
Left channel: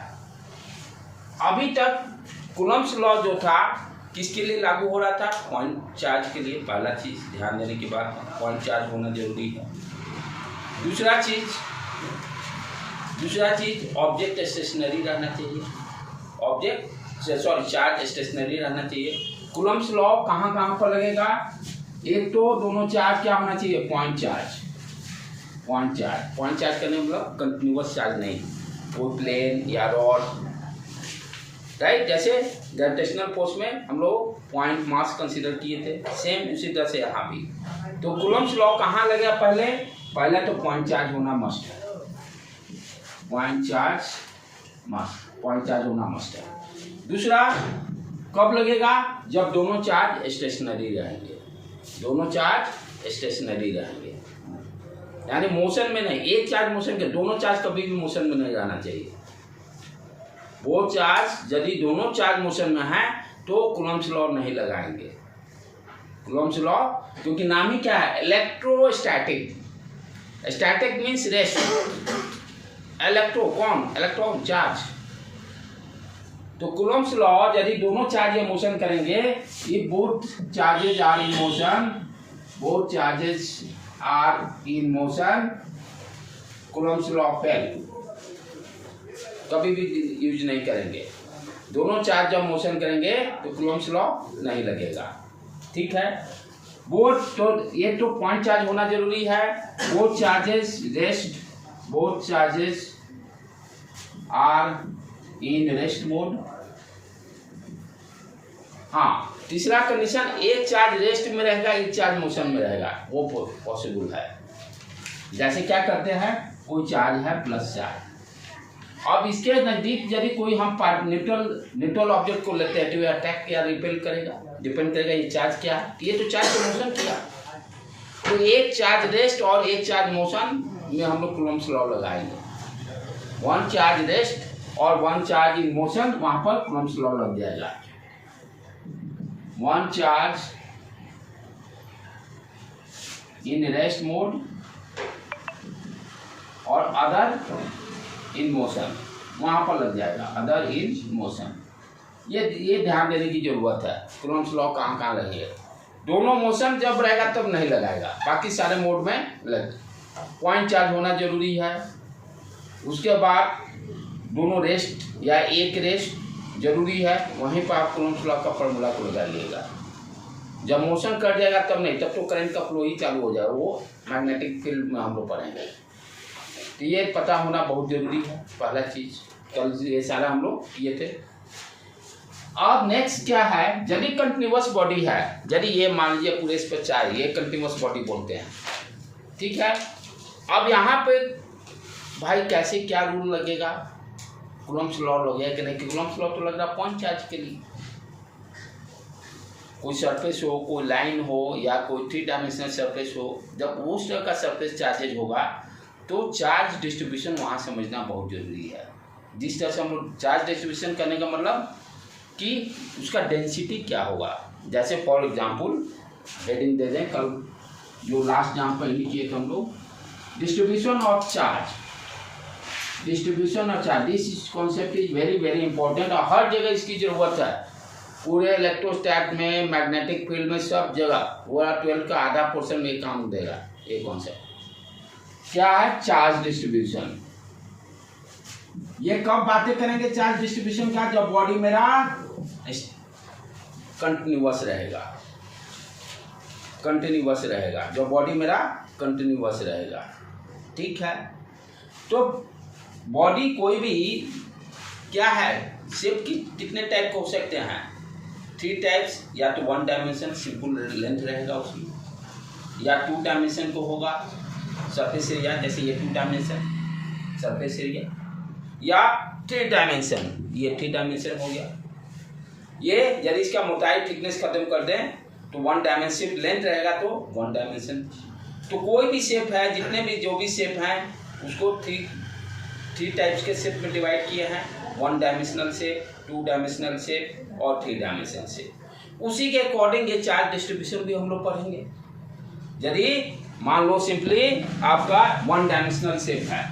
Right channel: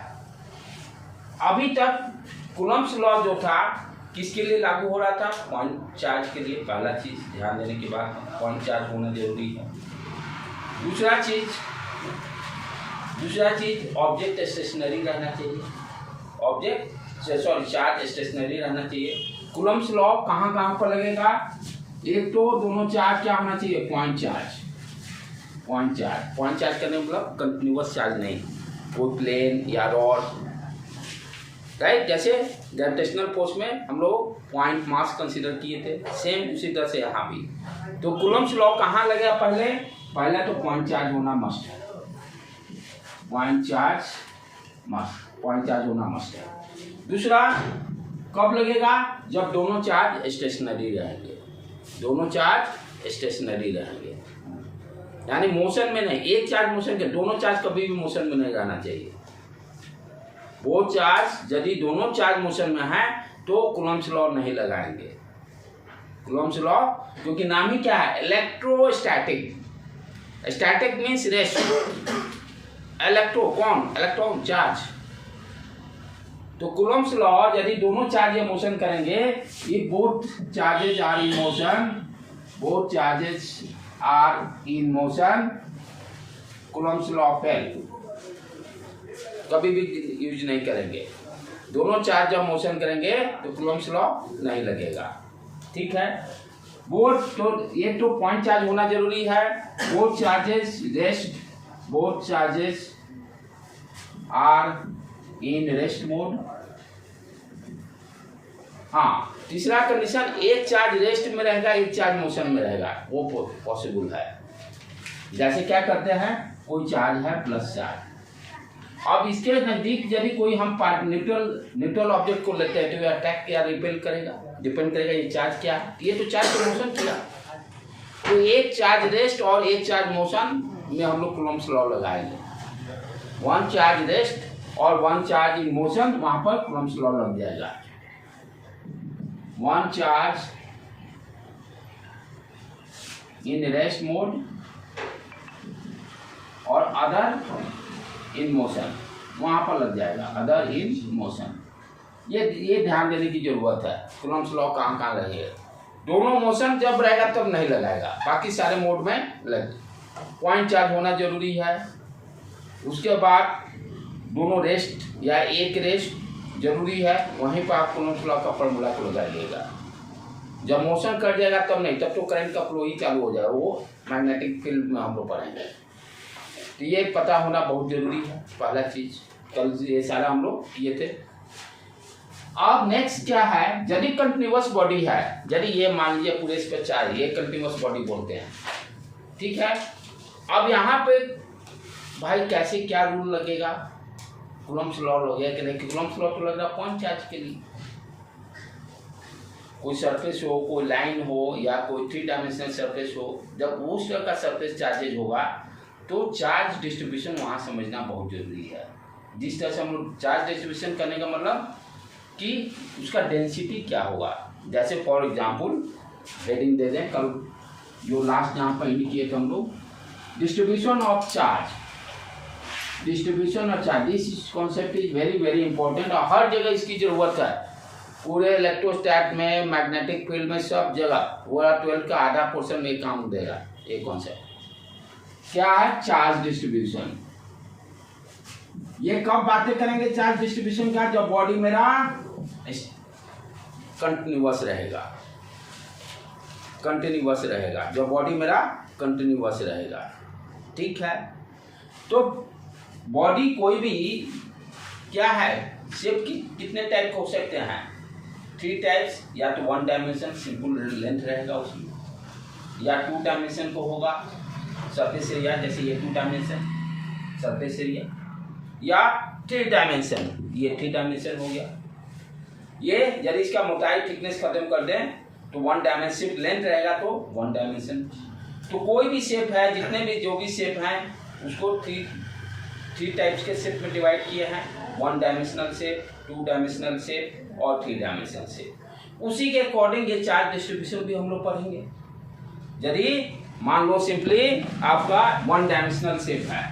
अभी तक कूलम्ब्स लॉ जो था किसके लिए लागू हो रहा था, पॉइंट चार्ज के लिए। पहला चीज ध्यान देने की बात है, पॉइंट चार्ज होना जरूरी है। दूसरा चीज ऑब्जेक्ट स्टेशनरी रहना चाहिए, चार्ज स्टेशनरी रहना चाहिए। कूलम्ब्स लॉ कहाँ पर लगेगा, एक तो दोनों चार्ज क्या होना चाहिए, पॉइंट चार्ज करने मतलब कंटिन्यूअस चार्ज नहीं, कोई प्लेन या रॉड। राइट, जैसे ग्रेविटेशनल फोर्स में हम लोग पॉइंट मास कंसीडर किए थे, सेम उसी तरह से यहाँ भी। तो कूलम्ब्स लॉ कहाँ लगेगा, पहले तो पॉइंट चार्ज होना मस्ट है, पॉइंट चार्ज होना मस्ट है। दूसरा कब लगेगा, जब दोनों चार्ज स्टेशनरी रहेंगे, यानी मोशन में नहीं, एक चार्ज मोशन के, दोनों चार्ज कभी भी मोशन में नहीं रहना चाहिए। वो चार्ज यदि दोनों चार्ज मोशन में है तो कूलम्ब्स लॉ नहीं लगाएंगे। कूलम्ब्स लॉ क्योंकि नाम ही क्या है, electrostatic. Static means rest, electron charge. तो कूलम्ब्स लॉ यदि दोनों चार्ज मोशन करेंगे, ये both charges are in motion, Coulomb's law fail, कभी भी यूज नहीं करेंगे। दोनों चार्ज जब मोशन करेंगे तो कूलम्ब्स लॉ नहीं लगेगा। ठीक है, तो ये तो पॉइंट चार्ज होना जरूरी है। Both charges are in rest mode. हाँ, तीसरा कंडीशन, एक चार्ज रेस्ट में रहेगा, एक चार्ज मोशन में रहेगा, वो पॉसिबल है। जैसे क्या करते हैं, कोई चार्ज है प्लस चार्ज, अब इसके नजदीक यदि कोई हम न्यूट्रल ऑब्जेक्ट को लेते हैं तो ये अटैक या रिपेल करेगा, डिपेंड करेगा ये चार्ज क्या है। ये तो चार्ज का मोशन किया, तो एक चार्ज रेस्ट और एक चार्ज मोशन में हम लोग कूलम्ब्स लॉ लगाएंगे। 1 चार्ज रेस्ट और 1 चार्ज इन मोशन, वहां पर कूलम्ब्स लॉ लग जाएगा। 1 चार्ज इन रेस्ट मोड और अदर इन मोशन, वहां पर लग जाएगा अदर इन मोशन। ये ध्यान देने की जरूरत है, कूलम्ब्स लॉ कहाँ लगेगा। दोनों मोशन जब रहेगा तब नहीं लगाएगा, बाकी सारे मोड में लगे। पॉइंट चार्ज होना जरूरी है। उसके बाद दोनों रेस्ट या एक रेस्ट जरूरी है, वहीं पर आप कूलम्ब्स लॉ का फॉर्मूला को लगाइएगा। जब मोशन कर जाएगा तब नहीं, तब तो करंट का फ्लो ही चालू हो जाएगा, वो मैग्नेटिक फील्ड में हम लोग पढ़ेंगे। तो ये पता होना बहुत जरूरी है, पहला चीज। कल ये सारा हम लोग किए थे। अब नेक्स्ट क्या है, यदि कंटिन्यूअस बॉडी है, यदि ये मान लीजिए पूरे इस पर चार्ज, ये कंटिन्यूअस बॉडी बोलते हैं। ठीक है, अब यहाँ पे भाई कैसे क्या रूल लगेगा, कूलम्ब्स लॉ लगेगा कि नहीं। कूलम्ब्स लॉ तो लग रहा पॉइंट चार्ज के लिए, कोई सरफेस हो, कोई लाइन हो या कोई 3 डायमेंशनल सरफेस हो, जब उस तरह का सरफेस चार्जेज होगा तो चार्ज डिस्ट्रीब्यूशन वहाँ समझना बहुत जरूरी है। जिस तरह से हम लोग चार्ज डिस्ट्रीब्यूशन करने का मतलब कि उसका डेंसिटी क्या होगा। जैसे फॉर एग्जांपल हेडिंग दे दें, कल जो लास्ट जहाँ पर भी किए थे हम लोग, distribution of charge. This concept is very very important और हर जगह इसकी जरूरत है। पूरे इलेक्ट्रोस्टैट में, मैग्नेटिक फील्ड में, सब जगह पूरा 12 का आधा पोर्शन ये काम देगा। ये कॉन्सेप्ट क्या है, चार्ज डिस्ट्रीब्यूशन। ये कब बातें करेंगे चार्ज डिस्ट्रीब्यूशन का? जब बॉडी मेरा कंटिन्यूअस रहेगा, कंटिन्यूअस रहेगा, जब बॉडी मेरा कंटिन्यूअस रहेगा। ठीक है, तो बॉडी कोई भी क्या है, शेप की कितने टाइप हो सकते हैं? 3 टाइप्स, या तो 1 डायमेंशन सिंपल लेंथ रहेगा उसमें, या 2 डायमेंशन को होगा सरफेस एरिया, जैसे ये 2 डायमेंशन सरफेस एरिया, या 3 डायमेंशन, ये 3 डायमेंशन हो गया। ये यदि इसका मोटाई थिकनेस खत्म कर दें तो 1 डायमेंशन लेंथ रहेगा, तो 1 डायमेंशन। तो कोई भी शेप है, जितने भी जो भी शेप हैं उसको 3 टाइप्स के शेप में डिवाइड किए हैं, 1 डायमेंशनल शेप, 2 डायमेंशनल शेप और 3 डायमेंशनल शेप। उसी के अकॉर्डिंग ये चार्ज डिस्ट्रीब्यूशन भी हम लोग पढ़ेंगे। यदि मान लो सिंपली आपका 1 डायमेंशनल शेप है,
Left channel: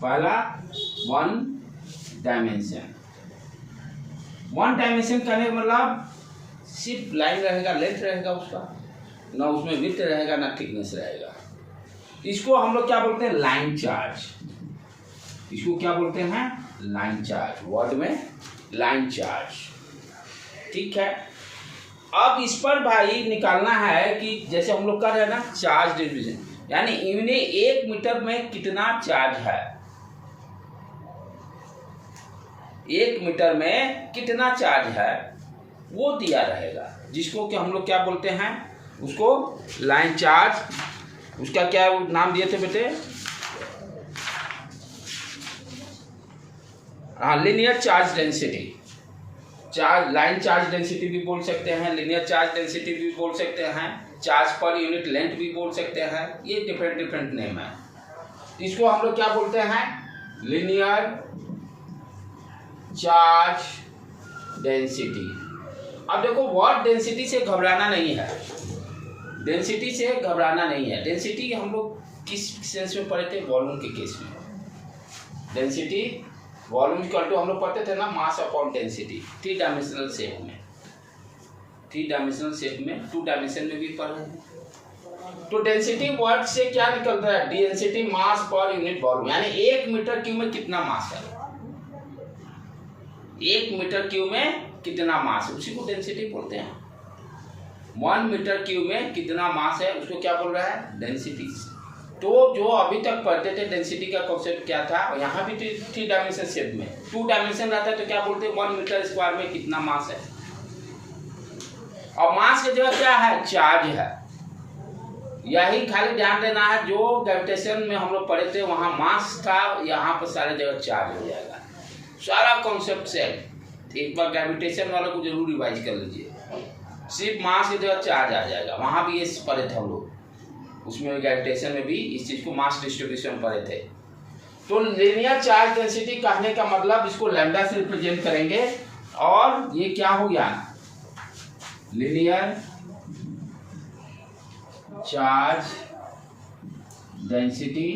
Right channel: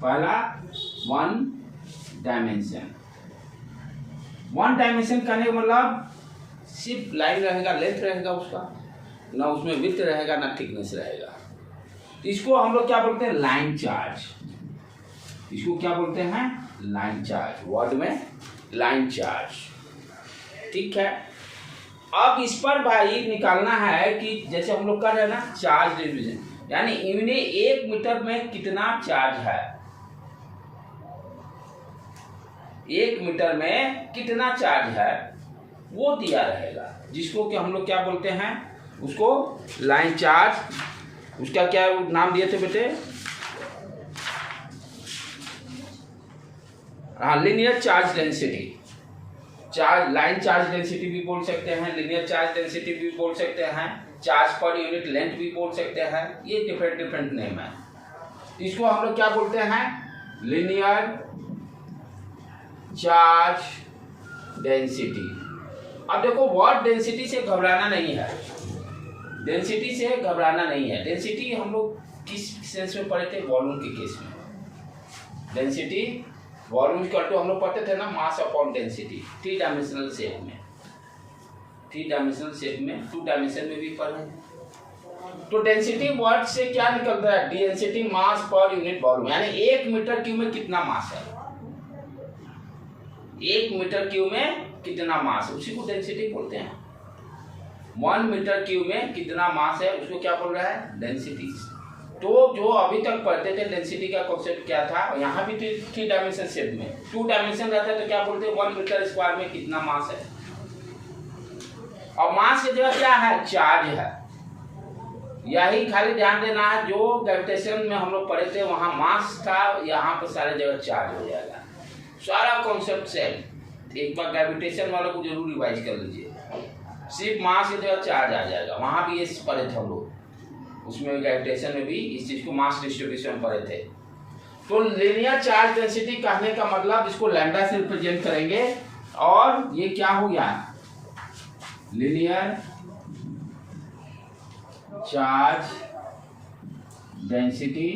पहला 1 डायमेंशन, 1 डायमेंशन करने का मतलब सिर्फ लाइन रहेगा, लेंथ रहेगा उसका, ना उसमें विड्थ रहेगा ना थिकनेस रहेगा। इसको हम लोग क्या बोलते हैं? Line charge. इसको क्या बोलते हैं? लाइन चार्ज, वर्ड में लाइन चार्ज। ठीक है, अब इस पर भाई निकालना है कि जैसे हम लोग कर रहे हैं ना चार्ज डिस्ट्रीब्यूशन, यानी इन्हें 1 मीटर में कितना चार्ज है, 1 मीटर में कितना चार्ज है वो दिया रहेगा, जिसको कि हम लोग क्या बोलते हैं? उसको लाइन चार्ज। उसका क्या नाम दिए थे बेटे? हाँ, linear charge density. Charge line charge density भी बोल सकते हैं, लीनियर चार्ज डेंसिटी भी बोल सकते हैं, चार्ज पर यूनिट लेंथ भी बोल सकते हैं। ये डिफरेंट नेम है। इसको हम लोग क्या बोलते हैं? Linear charge density. अब देखो, वर्ड डेंसिटी से घबराना नहीं है, डेंसिटी से घबराना नहीं है। डेंसिटी हम लोग किस सेंस में पढ़े थे? वॉल्यूम के केस में। डेंसिटी वॉल्यूम इक्वल टू हम लोग पढ़ते थे ना mass upon density, 3 dimensional shape में, 3 डायमेंशनल शेप में, 2 डायमेंशन में भी पढ़े। तो डेंसिटी वर्ड से क्या निकलता है? Density mass per unit volume, यानी 1 मीटर क्यूब में कितना मास है, 1 मीटर क्यूब में कितना मास है, उसी को डेंसिटी बोलते हैं। 1 मीटर क्यूब में कितना मास है उसको क्या बोल रहा है? डेंसिटी। तो जो अभी तक पढ़ते थे डेंसिटी का कॉन्सेप्ट क्या था, यहाँ भी 3 डायमेंशन शेप में, 2 डायमेंशन रहता है तो क्या बोलते हैं? 1 मीटर स्क्वायर में कितना मास है। और मास की जगह क्या है? चार्ज है। यही खाली ध्यान देना है, जो ग्रेविटेशन में हम लोग पढ़े थे वहाँ मास का, यहाँ पर सारी जगह चार्ज हो जाएगा। सारा कॉन्सेप्ट से एक बार ग्रेविटेशन वालों को जरूर रिवाइज कर लीजिए, सिर्फ मास की जगह चार्ज आ जाएगा। वहाँ भी ये पढ़े थे हम लोग, उसमें ग्रेविटेशन में भी इस चीज को मास डिस्ट्रीब्यूशन पढ़े थे। तो लीनियर चार्ज डेंसिटी कहने का मतलब इसको लैम्डा से रिप्रेजेंट करेंगे, और ये क्या हो गया? लीनियर चार्ज डेंसिटी,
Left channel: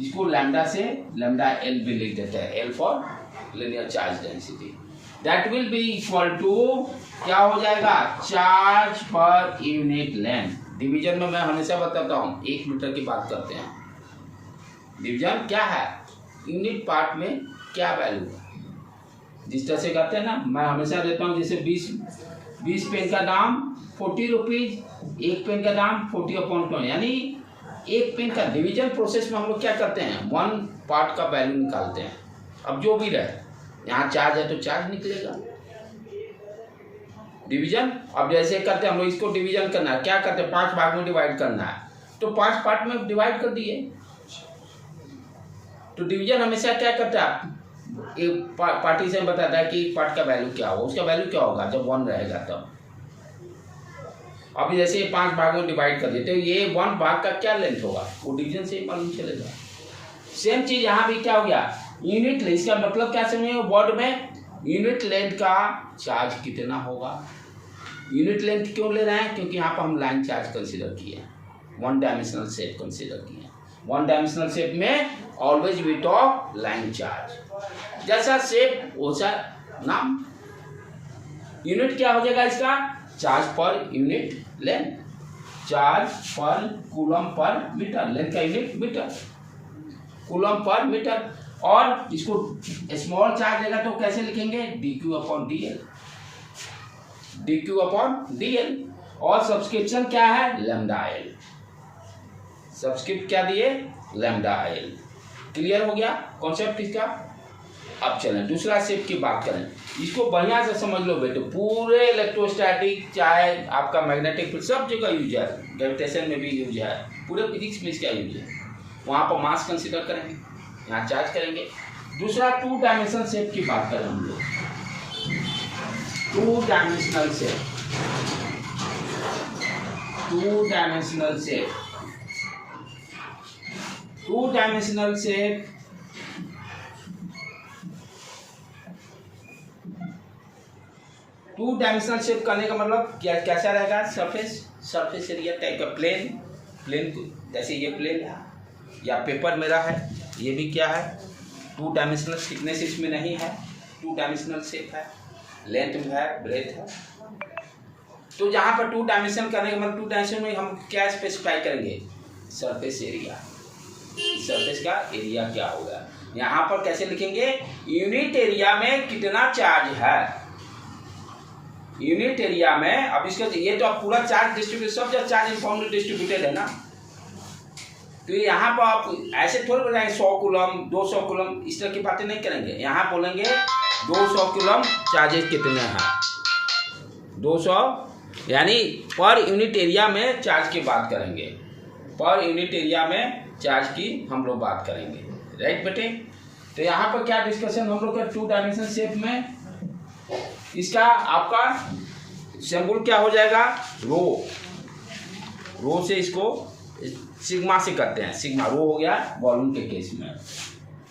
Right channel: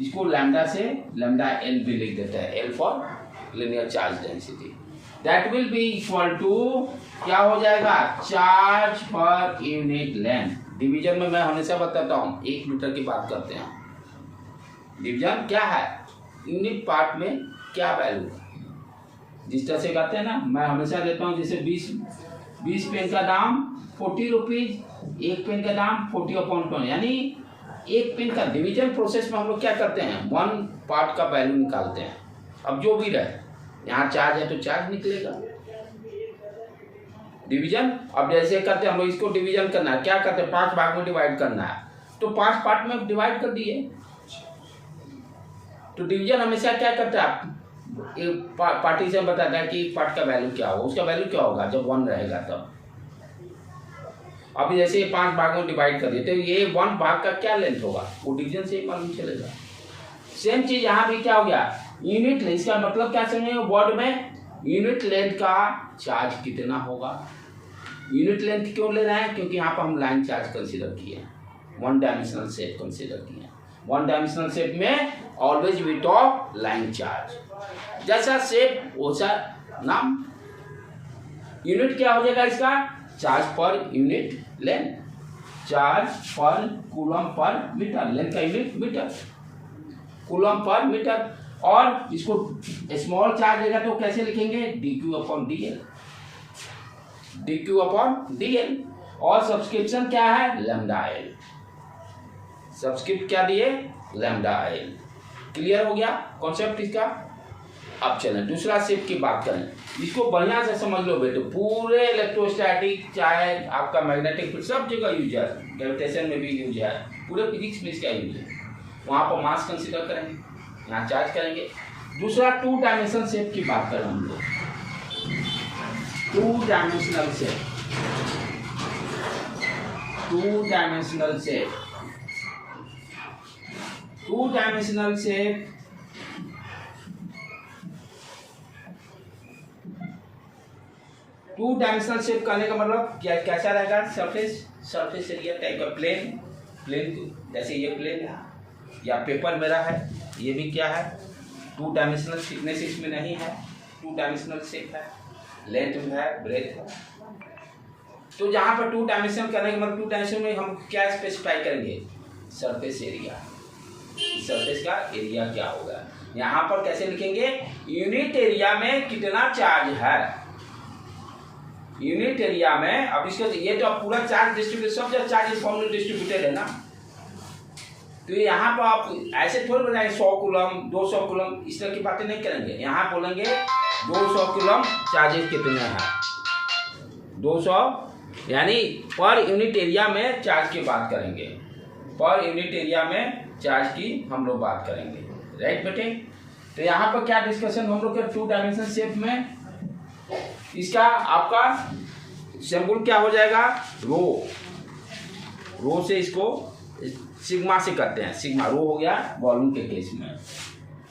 इसको लैम्डा से लैम्डा एल भी लिख देते हैं, L for linear charge density. That will be equal to क्या हो जाएगा? Charge per unit length. Division में मैं हमेशा बताता हूँ 1 मीटर की बात करते हैं। डिवीजन क्या है? यूनिट पार्ट में क्या वैल्यू है, जिस तरह से करते हैं ना, मैं हमेशा देता हूँ जैसे 20 पेन का दाम 40 रुपीज, 1 पेन का दाम 40/20, यानी 1 पेन का डिवीजन प्रोसेस में हम लोग क्या करते हैं? 1 पार्ट का वैल्यू निकालते हैं। अब जो भी रहे, यहाँ चार्ज है तो चार्ज निकलेगा। डिवीजन अब जैसे करते हैं हम लोग, इसको डिवीजन करना है, क्या करते हैं? 5 भाग में डिवाइड करना है, तो 5 पार्ट में डिवाइड कर दिए। तो डिवीजन हमेशा क्या करता है? एक पार्टीशन बताता है कि पार्ट का वैल्यू क्या होगा, उसका वैल्यू क्या होगा जब 1 रहेगा तब। अभी जैसे 5 भाग में डिवाइड कर दिए, तो ये 1 भाग का क्या लेंथ होगा वो डिवीजन से ही मालूम चलेगा। सेम चीज यहाँ भी क्या हो गया? Unit length. इसका मतलब क्या समझेंगे वर्ड में? यूनिट लेंथ का चार्ज कितना होगा। यूनिट लेंथ क्यों ले रहे हैं? क्योंकि यहाँ पर हम लाइन चार्ज कंसीडर किए हैं, 1 डायमेंशनल शेप कंसीडर किए हैं। 1 डायमेंशनल शेप में always we talk line charge. जैसा शेप वैसा नाम। यूनिट क्या हो जाएगा इसका? Charge per unit length, charge per coulomb पर मीटर, लेंथ का यूनिट मीटर, कूलम पर मीटर। और इसको स्मॉल चार्ज रहेगा तो कैसे लिखेंगे, d q upon d l, d q upon d l. और सब्सक्रिप्शन क्या है, लैम्डा एल, सब्सक्रिप्ट क्या दिए, लैम्डा एल। क्लियर हो गया कॉन्सेप्ट इसका। अब चलें दूसरा शेप की बात करें, इसको बढ़िया से समझ लो बेटे। पूरे इलेक्ट्रोस्टैटिक चाहे आपका मैग्नेटिक फील्ड सब जगह यूज है, ग्रेविटेशन में भी यूज है, पूरे फिजिक्स में इसका यूज है। वहाँ पर मास कंसिडर करेंगे, यहाँ चार्ज करेंगे। दूसरा 2 डायमेंशन शेप की बात करें हम लोग, 2 dimensional shape, 2 dimensional shape, 2 dimensional shape. 2 dimensional shape करने का मतलब क्या कैसा रहेगा, सरफेस एरिया टाइप का, प्लेन जैसे ये प्लेन है या पेपर मेरा है, ये भी क्या है 2 डायमेंशनल, थिकनेस इसमें नहीं है, 2 डायमेंशनल शेप है, लेंथ है, ब्रेथ है। तो जहाँ पर 2 डायमेंशन करने का मतलब 2 डायमेंशन में हम क्या स्पेसिफाई करेंगे, सरफेस एरिया, सरफेस का एरिया क्या होगा। यहाँ पर कैसे लिखेंगे, यूनिट एरिया में कितना चार्ज है, यूनिट एरिया में। अब इसके ये तो पूरा चार्ज डिस्ट्रीब्यूट, सब जगह चार्ज यूनिफॉर्मली डिस्ट्रीब्यूटेड है ना, तो यहाँ पर आप ऐसे थोड़ी बताएंगे 100 कूलम 200 कूलम, इस तरह की बातें नहीं करेंगे। यहाँ बोलेंगे 200 कूलम चार्जेस कितने हैं, 200 यानी पर यूनिट एरिया में चार्ज की बात करेंगे, पर यूनिट एरिया में चार्ज की हम लोग बात करेंगे, राइट बेटे। तो यहाँ पर क्या डिस्कशन हम लोग के 2 डायमेंशन शेप में, इसका आपका सिंबल क्या हो जाएगा, रो से इसको सिग्मा से करते हैं, सिग्मा रो हो गया वॉल्यूम के केस में।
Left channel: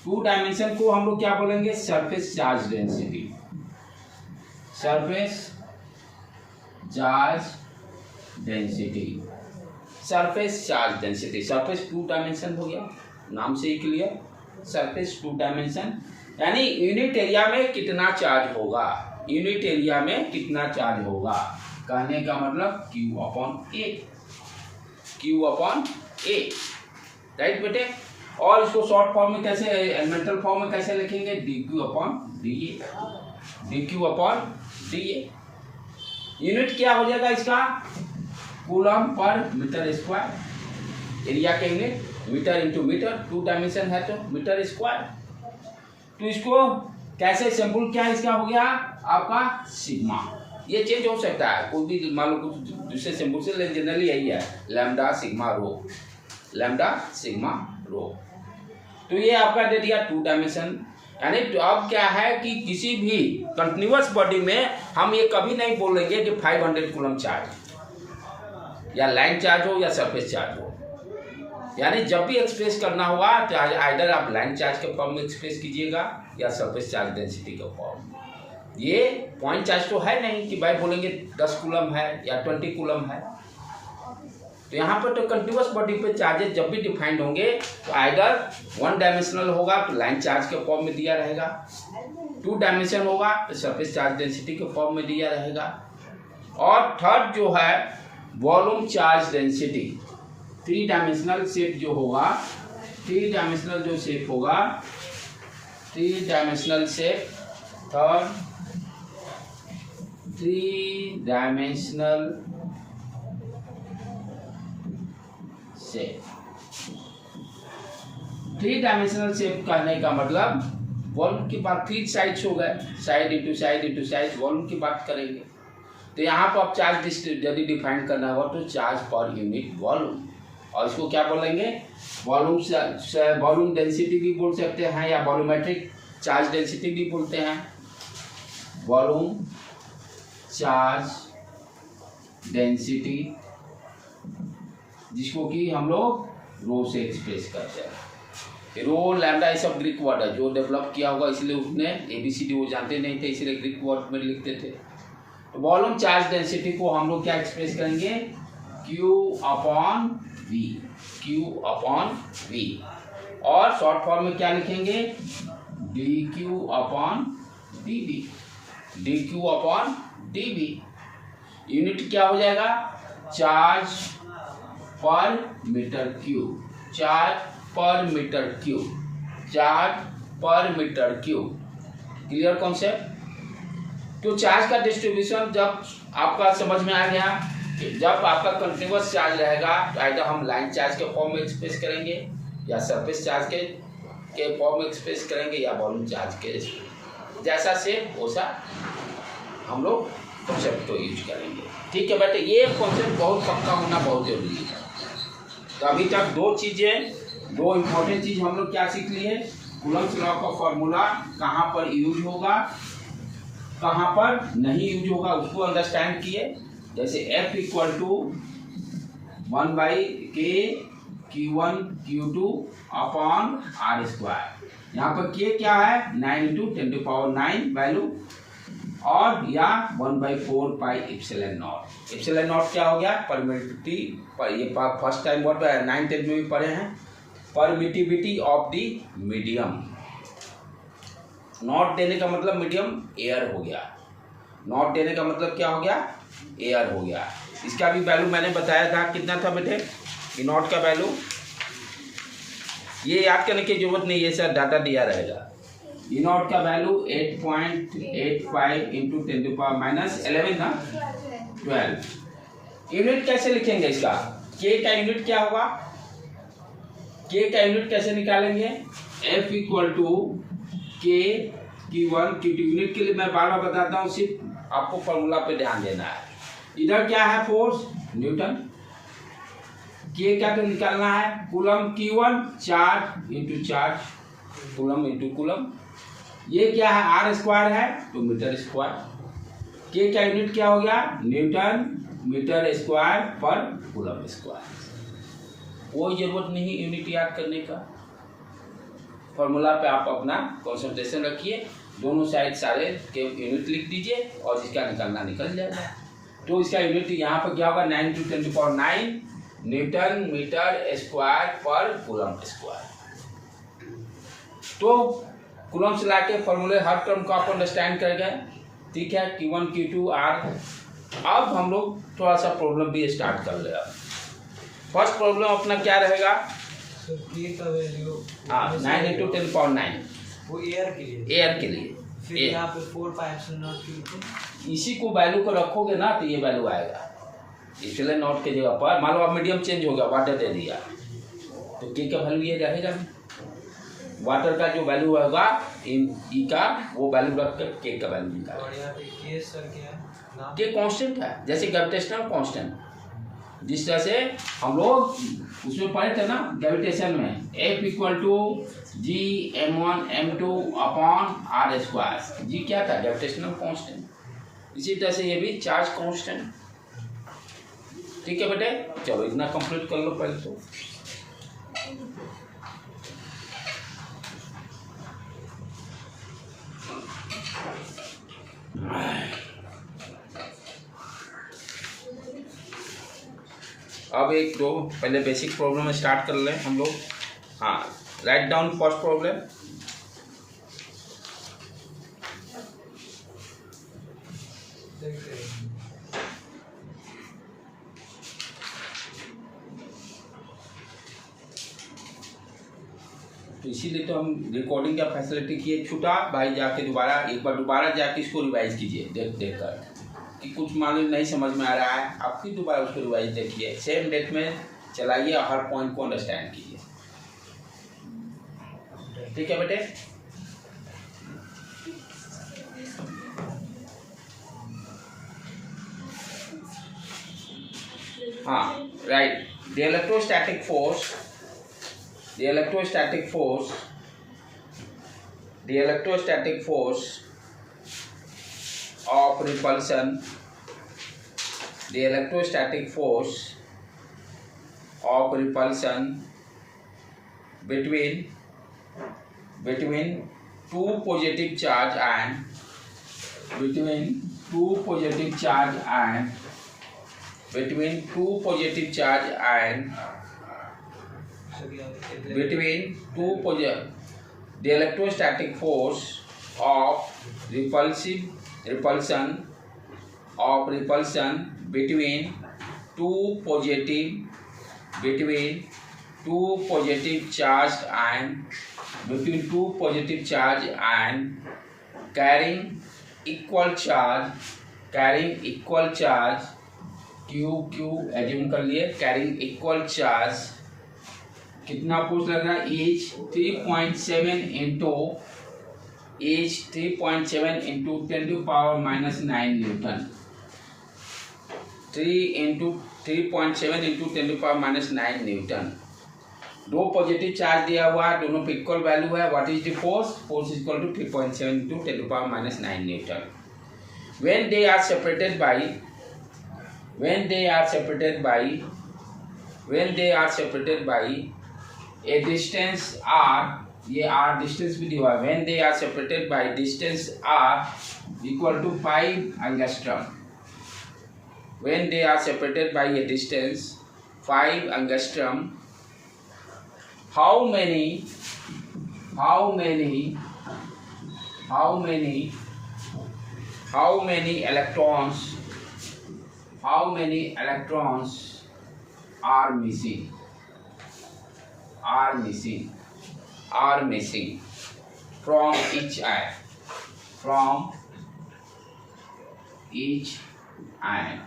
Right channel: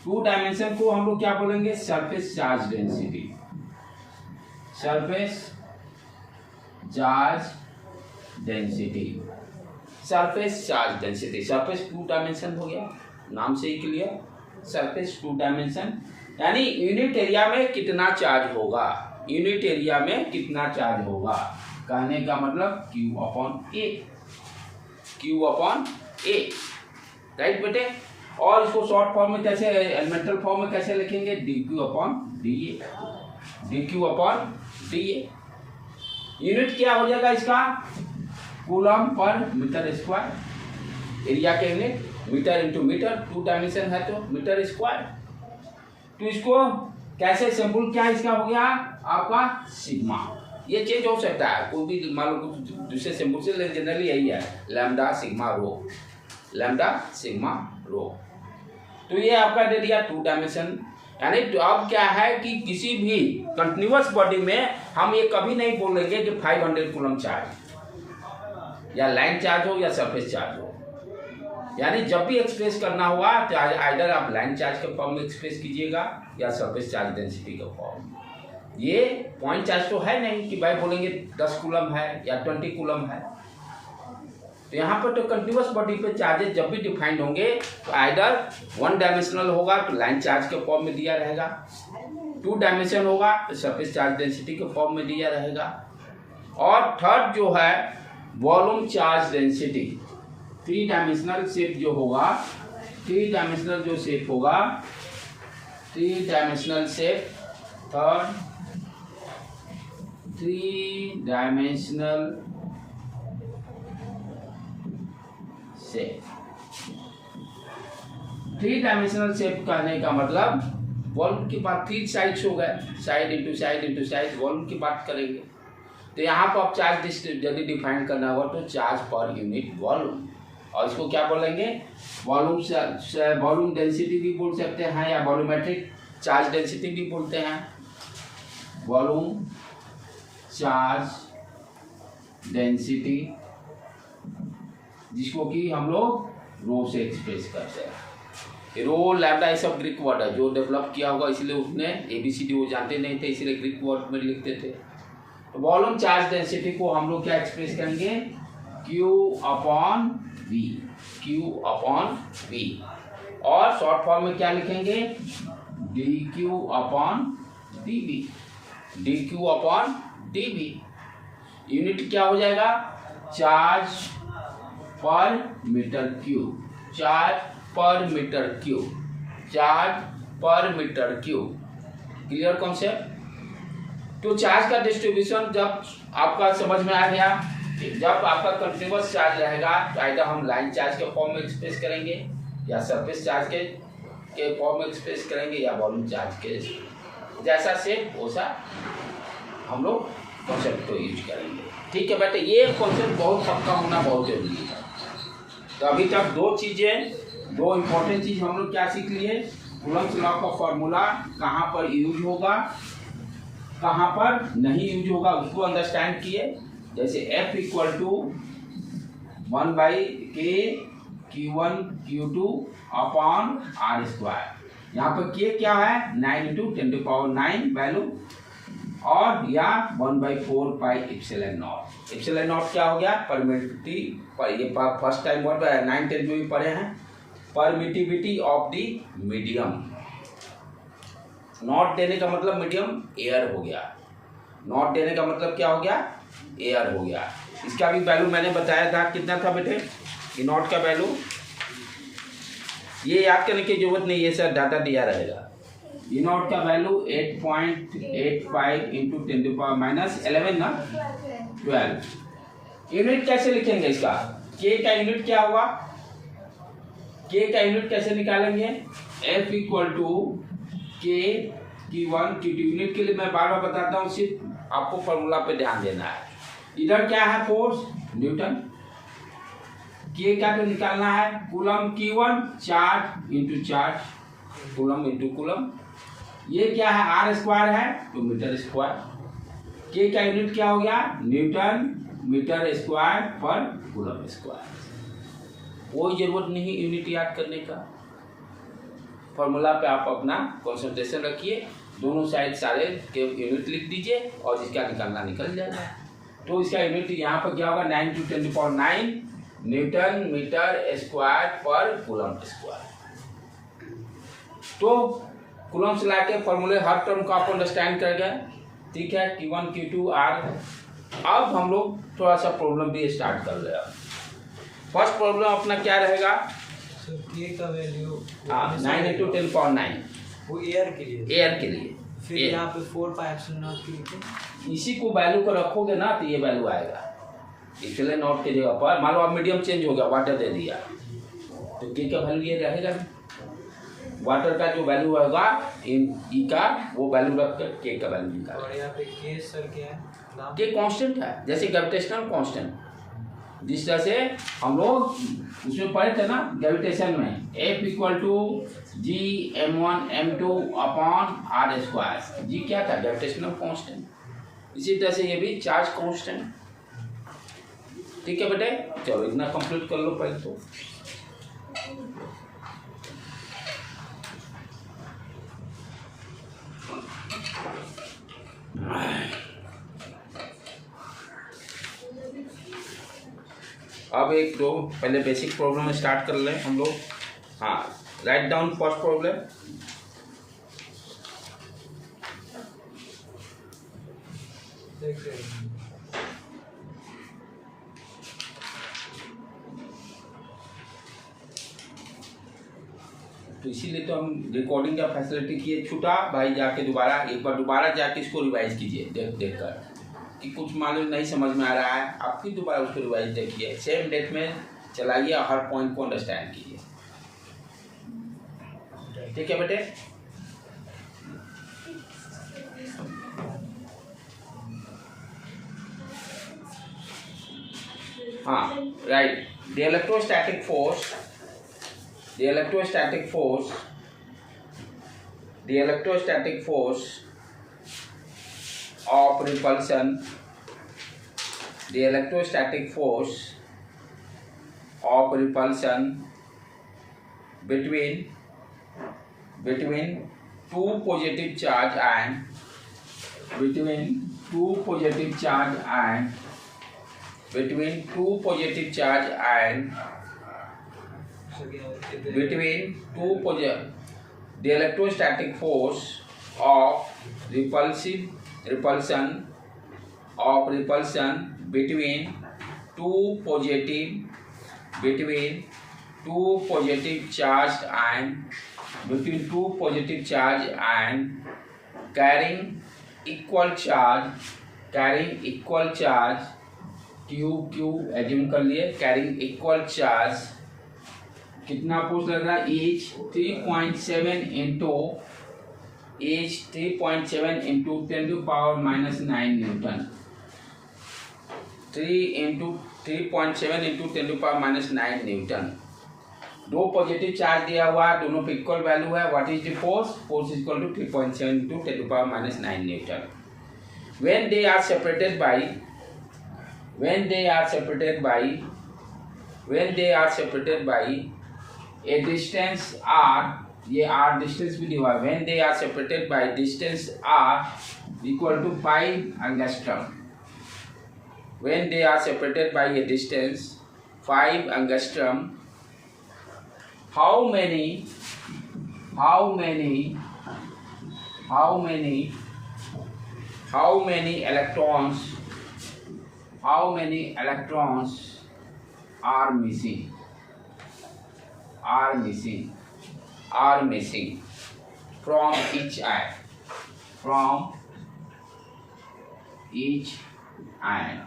2 डायमेंशन को हम लोग क्या बोलेंगे, surface charge density, surface charge density, surface charge density. Surface 2 dimension हो गया, नाम से ही क्लियर, सरफेस 2 डायमेंशन यानी यूनिट एरिया में कितना चार्ज होगा, यूनिट एरिया में कितना चार्ज होगा, कहने का मतलब Q upon A, Q upon A, right बेटे। और इसको शॉर्ट फॉर्म में कैसे, एलिमेंटल फॉर्म में कैसे लिखेंगे, DQ upon DA, DQ upon DA। Unit क्या हो जाएगा इसका, कूलम पर मीटर स्क्वायर, एरिया का unit metre into metre, 2 dimension है तो मीटर स्क्वायर। तो इसको कैसे सिंबल क्या इसका हो गया आपका सिग्मा, ये चेंज हो सकता है, कोई भी मान लो कुछ दूसरे सिंबल से, जनरली यही है लैम्डा सिग्मा रो, लैम्डा सिग्मा रो। तो ये आपका दे दिया 2 डायमेंशन। यानी तो अब क्या है कि किसी भी कंटिन्यूअस बॉडी में हम ये कभी नहीं बोलेंगे कि 500 कूलम चार्ज, या लाइन चार्ज हो या सरफेस चार्ज हो। यानी जब भी एक्सप्रेस करना होगा तो आइदर आप लाइन चार्ज के फॉर्म में एक्सप्रेस कीजिएगा या सरफेस चार्ज डेंसिटी के फॉर्म में। ये पॉइंट चार्ज तो है नहीं कि भाई बोलेंगे 10 कूलम है या 20 कूलम है। तो यहाँ पर तो कंटिन्यूअस बॉडी पे चार्जेस जब भी डिफाइंड होंगे तो आइदर 1 डायमेंशनल होगा तो लाइन चार्ज के फॉर्म में दिया रहेगा, 2 डायमेंशन होगा तो सरफेस चार्ज डेंसिटी के फॉर्म में दिया रहेगा, और थर्ड जो है volume charge density. 3 dimensional shape जो होगा, 3 डायमेंशनल जो शेप होगा, 3 dimensional shape, third 3 dimensional shape. 3 dimensional shape करने का मतलब वॉल्यूम की बात, 3 साइड्स हो गए, side into side into side, volume की बात करेंगे। तो यहाँ पर आप चार्ज यदि डिफाइन करना होगा तो चार्ज पर यूनिट वॉल्यूम, और इसको क्या बोलेंगे, वॉल्यूम से वॉल्यूम डेंसिटी भी बोल सकते हैं या वॉल्यूमेट्रिक चार्ज डेंसिटी भी बोलते हैं। वॉल्यूम चार्ज डेंसिटी जिसको कि हम लोग रो से एक्सप्रेस करते हैं। रो लैम्डा ये सब ग्रीक वर्ड है, जो डेवलप किया होगा इसलिए उसने ABCD वो जानते नहीं थे इसलिए ग्रीक वर्ड में लिखते थे। तो वॉल्यूम चार्ज डेंसिटी को हम लोग क्या एक्सप्रेस करेंगे, Q upon V, Q upon V, और शॉर्ट फॉर्म में क्या लिखेंगे, DQ upon DV, DQ upon DV। Unit क्या हो जाएगा, चार्ज पर मीटर क्यूब, चार्ज पर मीटर क्यूब, चार्ज पर मीटर क्यूब। Clear concept. तो चार्ज का डिस्ट्रीब्यूशन जब आपका समझ में आ गया कि जब आपका कंटिन्यूअस चार्ज रहेगा तो आइडर हम लाइन चार्ज के फॉर्म में एक्सप्रेस करेंगे या सरफेस चार्ज के फॉर्म में एक्सप्रेस करेंगे या वॉल्यूम चार्ज के, जैसा शेप वैसा हम लोग कॉन्सेप्ट को यूज करेंगे। ठीक है बेटे, ये कॉन्सेप्ट बहुत पक्का होना बहुत जरूरी है। तो अभी तक दो इम्पोर्टेंट चीज़ हम लोग क्या सीख लिए, कूलम्ब्स लॉ का फॉर्मूला कहाँ पर यूज होगा कहाँ पर नहीं यूज होगा उसको अंडरस्टैंड किए। जैसे F equal to 1/K Q1 Q2 upon R square. यहाँ पर K क्या है 9 × 10⁹ वैल्यू, और या 1/4 pi epsilon not. Epsilon not क्या हो गया परमिटिविटी, पर ये फर्स्ट टाइम वर्ड 9 10 में भी पढ़े हैं, permittivity of the medium. Not देने का मतलब मीडियम एयर हो गया, नॉट देने का मतलब क्या हो गया एयर हो गया। इसका भी वैल्यू मैंने बताया था, कितना था बेटे ये नॉट का वैल्यू, ये याद करने की जरूरत नहीं है सर, डाटा दिया रहेगा। ई नॉट का वैल्यू 8.85 × 10⁻11 ना 12। यूनिट कैसे लिखेंगे इसका, के का यूनिट क्या होगा, के का यूनिट कैसे निकालेंगे, F इक्वल टू के Q1 Q2। यूनिट के लिए मैं बार बार बताता हूँ, सिर्फ आपको फॉर्मूला पे ध्यान देना है। इधर क्या है फोर्स न्यूटन, के का तो निकालना है coulomb Q1 charge into charge, coulomb into coulomb. ये क्या है आर स्क्वायर है तो मीटर स्क्वायर। के का यूनिट क्या हो गया न्यूटन मीटर स्क्वायर पर कूलम स्क्वायर। कोई जरूरत नहीं यूनिट याद करने का, फॉर्मूला पे आप अपना कंसंट्रेशन रखिए, दोनों साइड सारे के यूनिट लिख दीजिए और इसका निकालना निकल जाएगा। तो इसका यूनिट यहाँ पर क्या होगा 9 × 10⁹ न्यूटन मीटर स्क्वायर पर कूलम स्क्वायर। तो कूलम से लाके फॉर्मूले हर टर्म को आप अंडरस्टैंड कर गए। ठीक है, Q1 Q2 R। अब हम लोग थोड़ा सा प्रॉब्लम भी स्टार्ट कर ले। फर्स्ट प्रॉब्लम अपना क्या रहेगा, के का वैल्यू 9 × 10⁹ वो एयर के लिए, एयर के लिए। फिर यहाँ पे 4πε0 इसी को वैल्यू को रखोगे ना तो ये वैल्यू आएगा। इसलिए नॉट के जगह पर मान लो आप मीडियम चेंज हो गया, वाटर दे दिया तो के का वैल्यू ये रहेगा। वाटर का जो वैल्यू होगा इन ई का वो वैल्यू रख कर के का वैल्यू निकालेंगे। और यहाँ पे के सर क्या है, के कांस्टेंट है, जैसे ग्रेविटेशनल कांस्टेंट, जिस तरह से हम लोग उसमें पढ़े थे ना ग्रेविटेशन में, F equal to G(m1m2) upon R square. जी क्या था ग्रेविटेशनल कांस्टेंट, इसी तरह से ये भी चार्ज कांस्टेंट। ठीक है बेटे, चलो इतना कंप्लीट कर लो पहले तो। अब एक दो पहले बेसिक प्रॉब्लम स्टार्ट कर लें हम लोग। हाँ, राइट डाउन फर्स्ट प्रॉब्लम। तो इसीलिए तो हम रिकॉर्डिंग का फैसिलिटी किए। छूटा भाई जाके दोबारा एक बार दोबारा जाके इसको रिवाइज कीजिए देख कर कि कुछ मालूम नहीं समझ में आ रहा है, आप फिर दोबारा उसको रिवाइज देखिए, सेम डेट में चलाइए, हर पॉइंट को अंडरस्टैंड कीजिए। ठीक है बेटे, हाँ right. The electrostatic force of repulsion, the electrostatic force of repulsion between two positive charge and the electrostatic force of repulsion between two positive charged and between two positive charge and carrying equal charge q assume कर लिए, carrying equal charge कितना फोर्स लग रहा है, H 3.7 into 10 to power minus 9 newton, 3.7 into 10 to power minus 9 newton. दो पॉजिटिव चार्ज दिया हुआ है, दोनों पे इक्वल वैल्यू है। What is the force? Force is equal to 3.7 into 10 to power minus 9 newton. when they are separated by a distance r, ये r डिस्टेंस भी दिया हुआ है, when they are separated by distance r equal to 5 angstrom, when they are separated by a distance 5 angstrom, how many electrons are missing from each ion।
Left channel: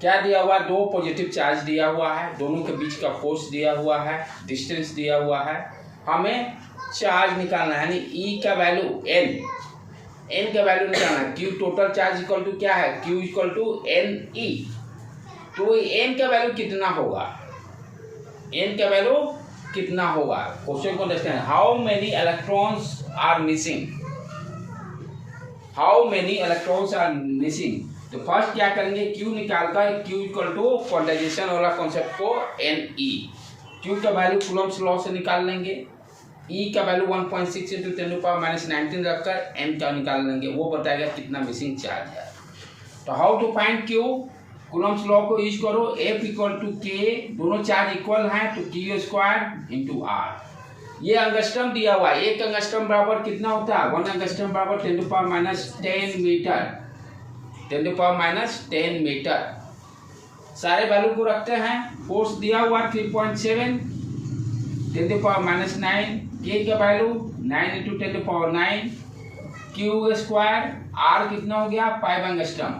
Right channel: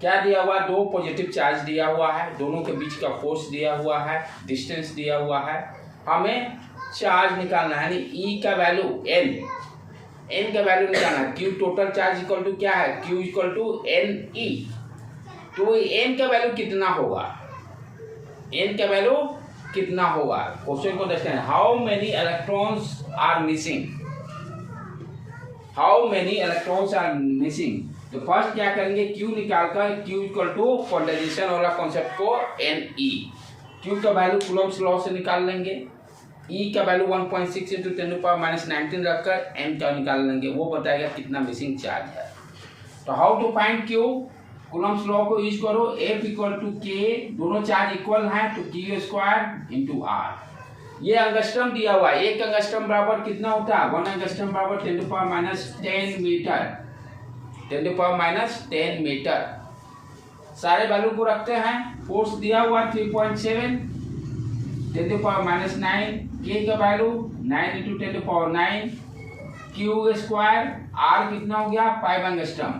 क्या दिया हुआ है? दो पॉजिटिव चार्ज दिया हुआ है, दोनों के बीच का फोर्स दिया हुआ है, डिस्टेंस दिया हुआ है, हमें चार्ज निकालना है, यानी E का वैल्यू n का वैल्यू निकालना है। Q total charge equal to क्या है? Q equal to NE। तो n का वैल्यू कितना होगा? क्वेश्चन को देखते हैं। How many electrons are missing? तो फर्स्ट क्या करेंगे, Q निकालकर Q इक्वल टू क्वांटाइजेशन वाला कॉन्सेप्ट को NE, Q का वैल्यू कूलम्ब्स लॉ से निकाल लेंगे, E का value 1.6 into 10 to power minus 19 रखकर N का निकाल लेंगे, वो बताएगा कितना मिसिंग चार्ज है। तो how to find Q? Coulomb's law को यूज करो, F इक्वल टू K, दोनों चार्ज इक्वल हैं तो Q स्क्वायर इंटू R। ये अंगस्ट्रम दिया हुआ है, एक अंगस्ट्रम बराबर कितना होता है? 1 अंगस्ट्रम बराबर 10 to power minus 10 metre, 10 to power minus 10 metre. सारे वैल्यू को रखते हैं। फोर्स दिया हुआ 3.7, 10 to power minus 9, K का value 9 into 10 to power 9, Q square, R कितना हो गया? 5 angstrom,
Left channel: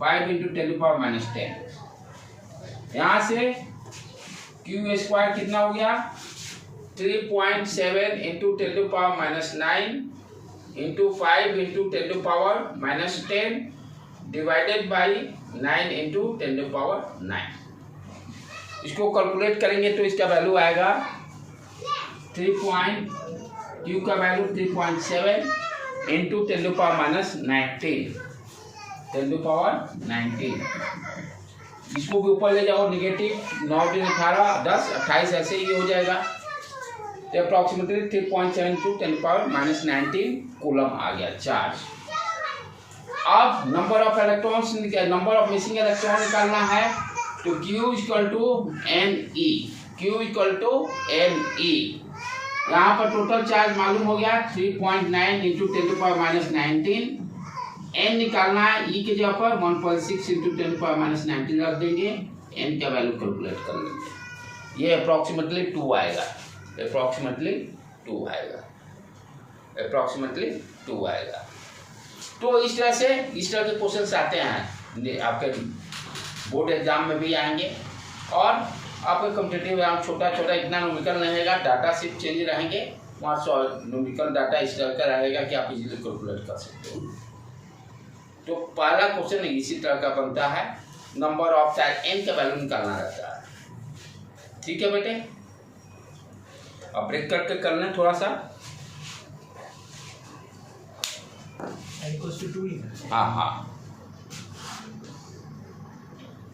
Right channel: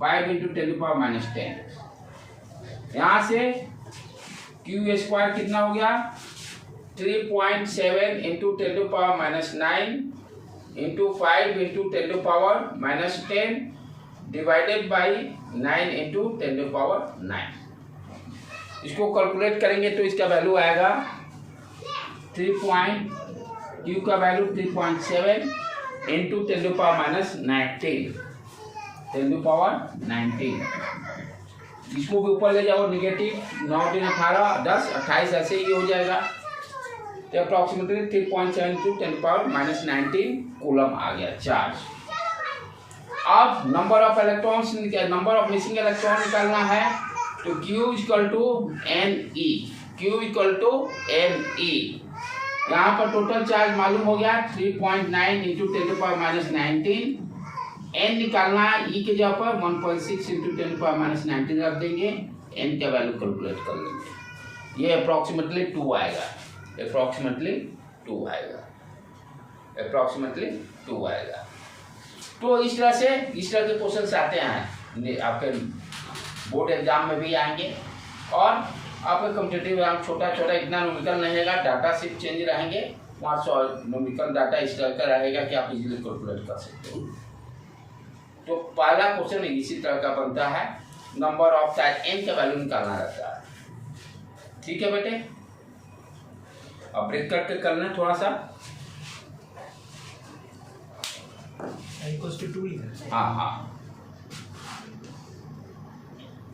5 into 10 to power minus 10। यहाँ से Q स्क्वायर कितना हो गया? 3.7 into 10 to power minus 9 into 5 into 10 to power minus 10 divided by 9 into 10 to power 9। इसको कैलकुलेट करेंगे तो इसका वैल्यू आएगा Q का value 3.7 into 10 to power minus 19, 10 to power 19। इसको भी ऊपर ले जाओ, निगेटिव 9 3 18 10 28 ऐसे ही हो जाएगा। तो approximately 3.7 to 10 to power minus 19 coulomb आ गया चार्ज। अब नंबर ऑफ मिसिंग इलेक्ट्रॉन निकालना है, तो Q इक्वल टू NE। यहाँ पर टोटल चार्ज मालूम हो गया 3.9 into 10 to power minus 19। N निकालना है, E के जगह पर 1.6 into 10 to power minus 19 रख देंगे, N का वैल्यू कैलकुलेट कर लेंगे। ये अप्रॉक्सीमेटली 2 आएगा, तो इस तरह के क्वेश्चन आते हैं, आपके बोर्ड एग्जाम में भी आएंगे, और आपका कॉम्पिटिटिव एग्जाम छोटा इतना न्यूमेरिकल नहीं रहेगा, डाटा सिर्फ चेंज रहेंगे, वहाँ न्यूमेरिकल डाटा इस तरह का रहेगा कि आप इजीली कैलकुलेट कर सकते हो। तो पहला क्वेश्चन इसी तरह का बनता है, नंबर ऑफ चार्ज n का वैल्यू निकालना रहता है। ठीक है बेटे, अब ब्रेक करके कर लें थोड़ा सा। n = 2। हाँ।